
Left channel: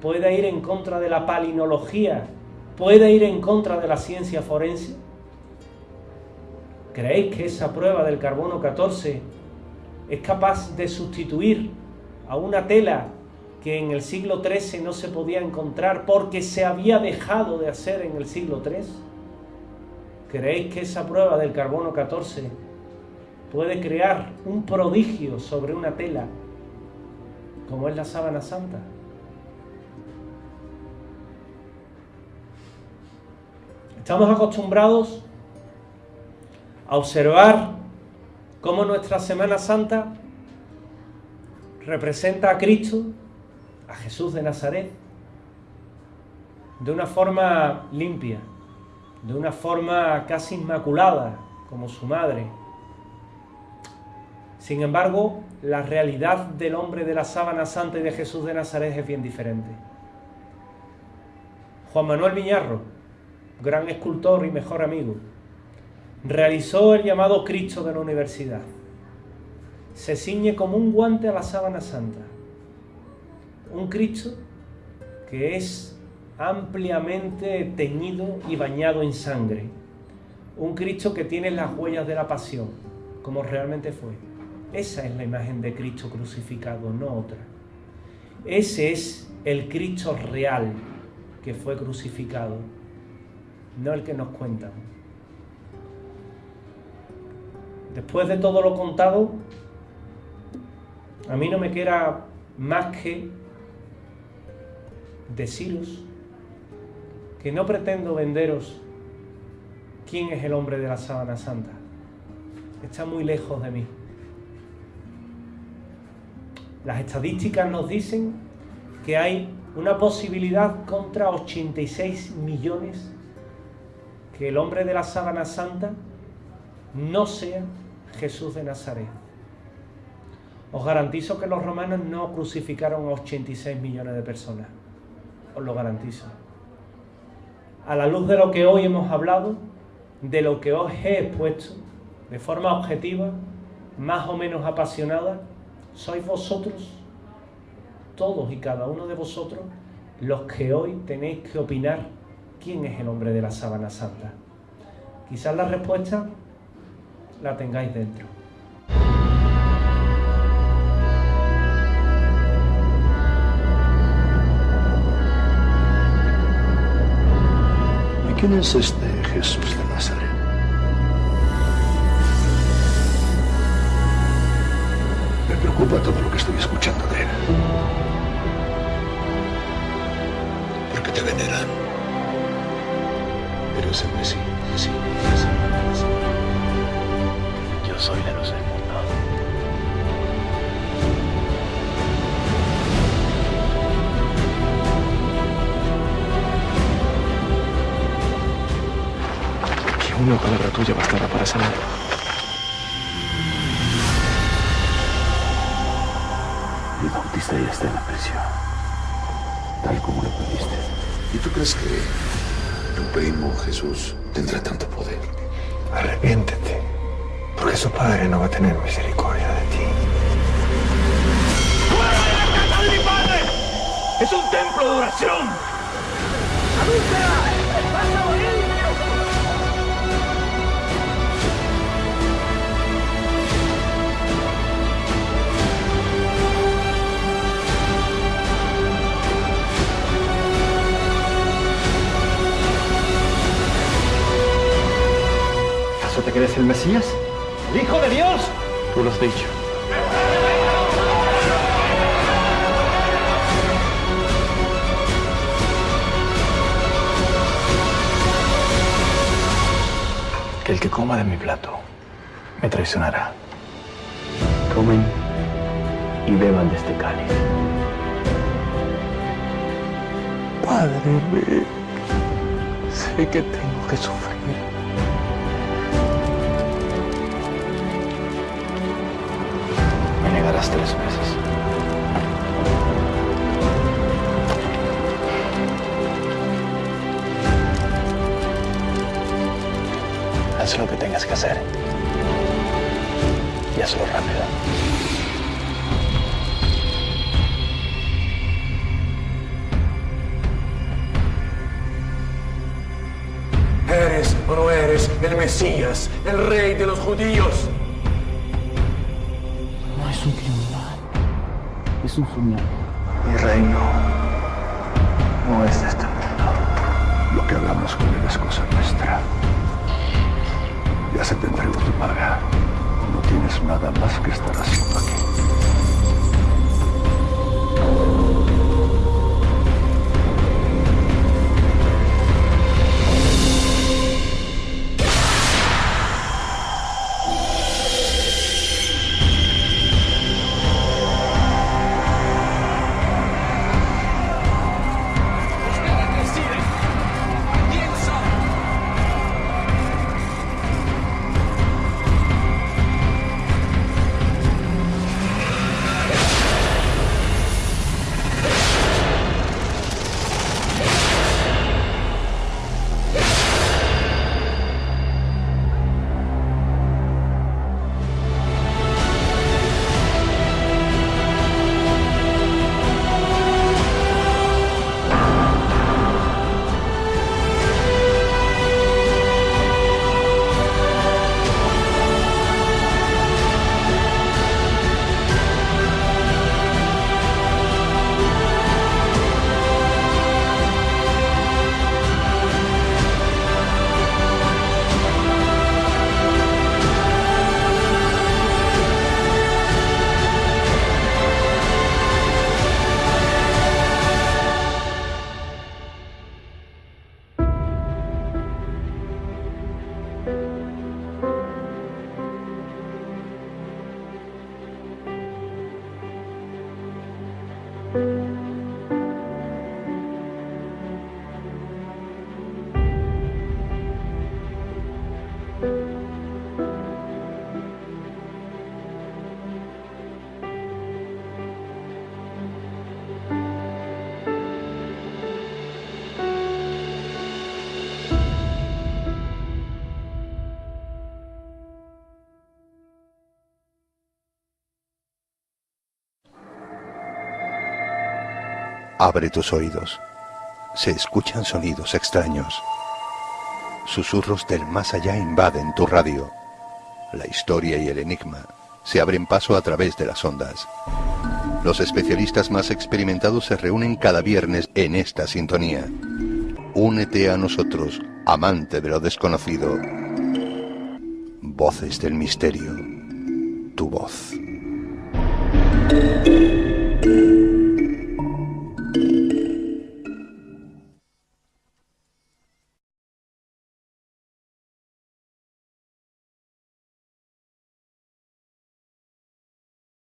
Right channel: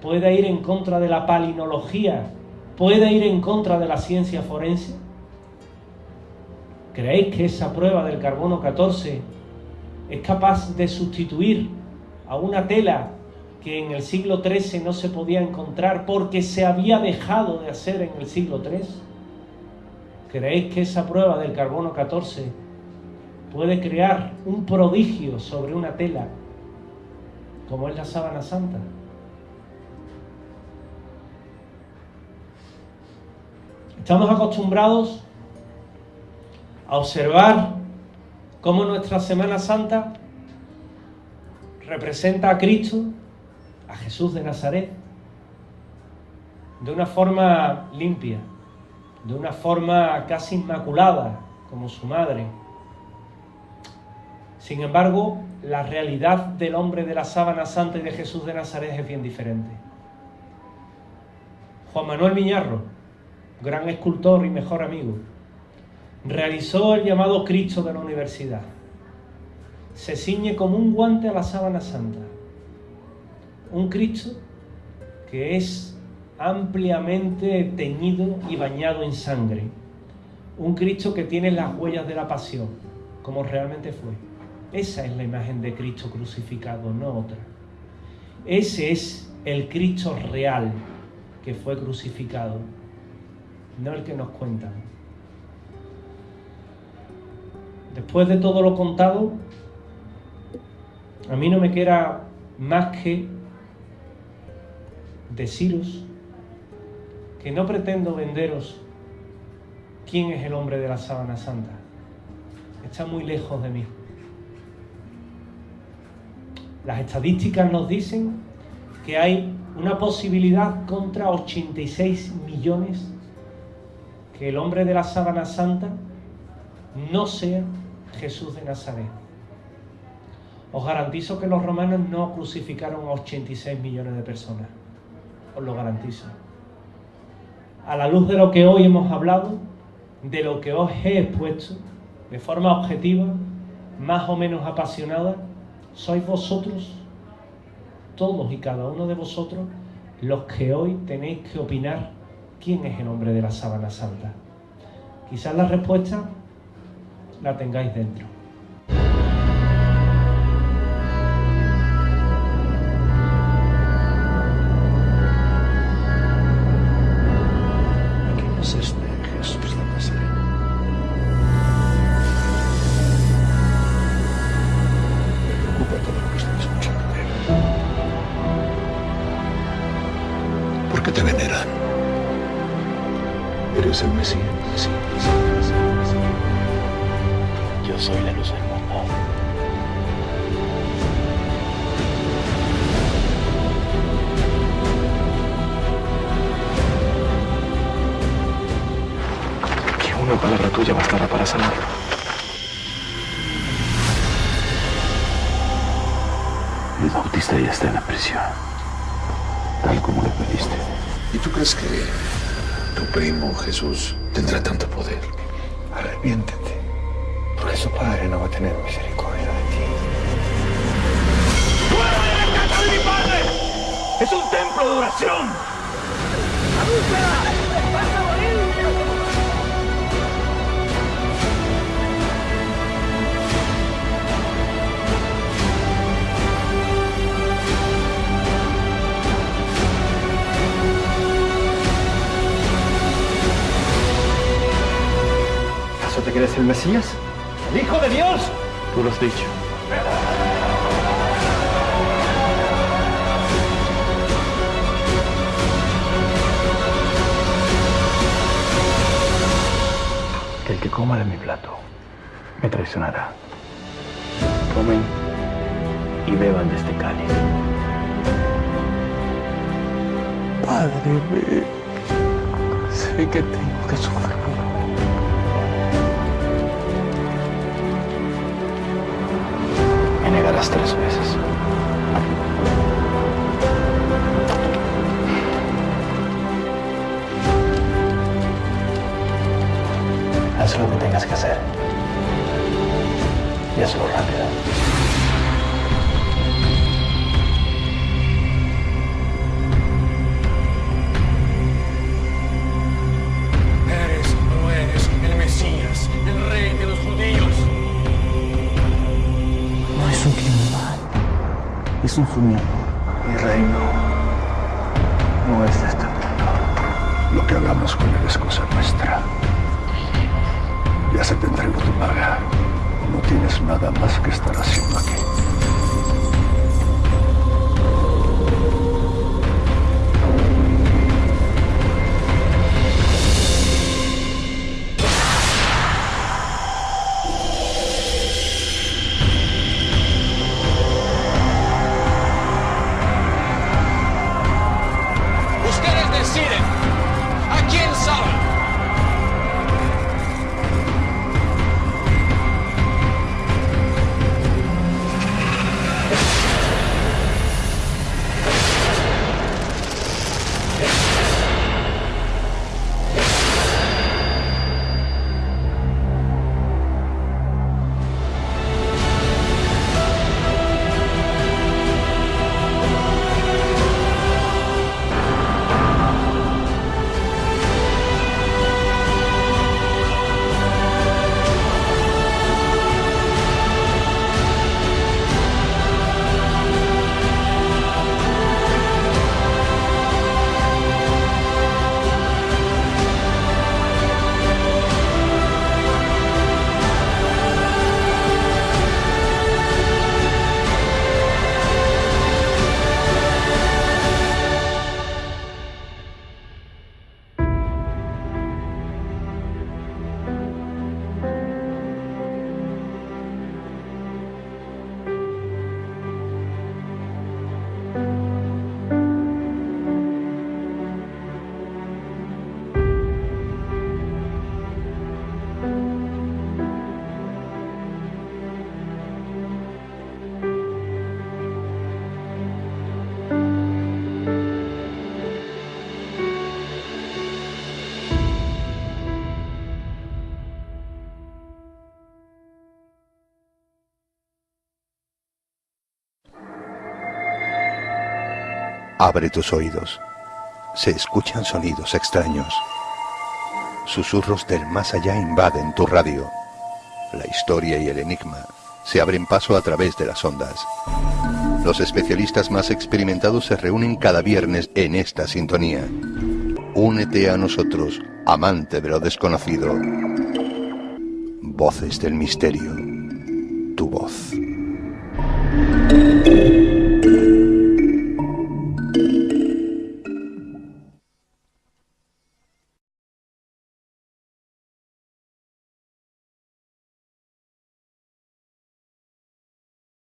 pueda ir en contra de la palinología, pueda ir en contra de la ciencia forense? ¿Creéis que esa prueba del carbono 14 es capaz de sustituir a una tela que en el siglo XIII no se podía encontrar porque se había dejado de hacer en el siglo III? ¿Creéis que esa prueba del carbono 14 puede crear un prodigio sobre una tela como es la sábana santa? Estamos acostumbrados a observar cómo nuestra Semana Santa representa a Cristo, a Jesús de Nazaret, de una forma limpia, de una forma casi inmaculada, como su madre. Sin embargo, la realidad del hombre de la sábana santa y de Jesús de Nazaret es bien diferente. Juan Manuel Miñarro, gran escultor y mejor amigo, realizó el llamado Cristo de la Universidad. Se ciñe como un guante a la sábana santa. Un Cristo que es ampliamente teñido y bañado en sangre. Un Cristo que tiene las huellas de la pasión, como realmente fue. Esa es la imagen de Cristo crucificado, no otra. Ese es el Cristo real que fue crucificado, no el que nos cuentan. Después de todo lo contado, a mí no me queda más que deciros que no pretendo venderos quién es el hombre de la sábana santa. está muy lejos de mí. Las estadísticas nos dicen que hay una posibilidad contra 86 millones que el hombre de la sábana santa no sea Jesús de Nazaret. Os garantizo que los romanos no crucificaron a 86 millones de personas. Os lo garantizo. A la luz de lo que hoy hemos hablado, de lo que os he expuesto, de forma objetiva, más o menos apasionada, sois vosotros, todos y cada uno de vosotros, los que hoy tenéis que opinar quién es el hombre de la sábana santa. Quizás la respuesta la tengáis dentro. ¿Quién es este Jesús de Nazaret? Me preocupa todo lo que estoy escuchando de él. ¿Por qué te venderán? Pero es el Mesías. Yo soy la luz del mundo. Una palabra tuya bastará para sanarlo. El Bautista ya está en la prisión, tal como le pediste. Tu primo Jesús tendrá tanto poder. Arrepiéntete, porque su padre no va a tener misericordia de ti. ¡Fuera de la casa de mi padre! ¡Es un templo de oración! ¡Adúltera! ¡Vas a morir! ¿Acaso te crees el Mesías? ¡El Hijo de Dios! Tú lo has dicho. Que el que coma de mi plato me traicionará. Comen y beban de mi carne. Padre mío, sé que tengo que sufrir. Me negarás 3 veces. Haz lo que tengas que hacer. Y hazlo rápido. ¿Eres o no eres el Mesías, el rey de los judíos? No es un criminal, es un soñador. Mi reino no es de este mundo. Lo que hagamos con él es cosa nuestra. Ya se te entregó tu paga. No tienes nada más que estar haciendo aquí. Abre tus oídos. Se escuchan sonidos extraños. Susurros del más allá invaden tu radio. La historia y el enigma se abren paso a través de las ondas. Los especialistas más experimentados se reúnen cada viernes en esta sintonía. Únete a nosotros, amante de lo desconocido. Voces del misterio. Tu voz.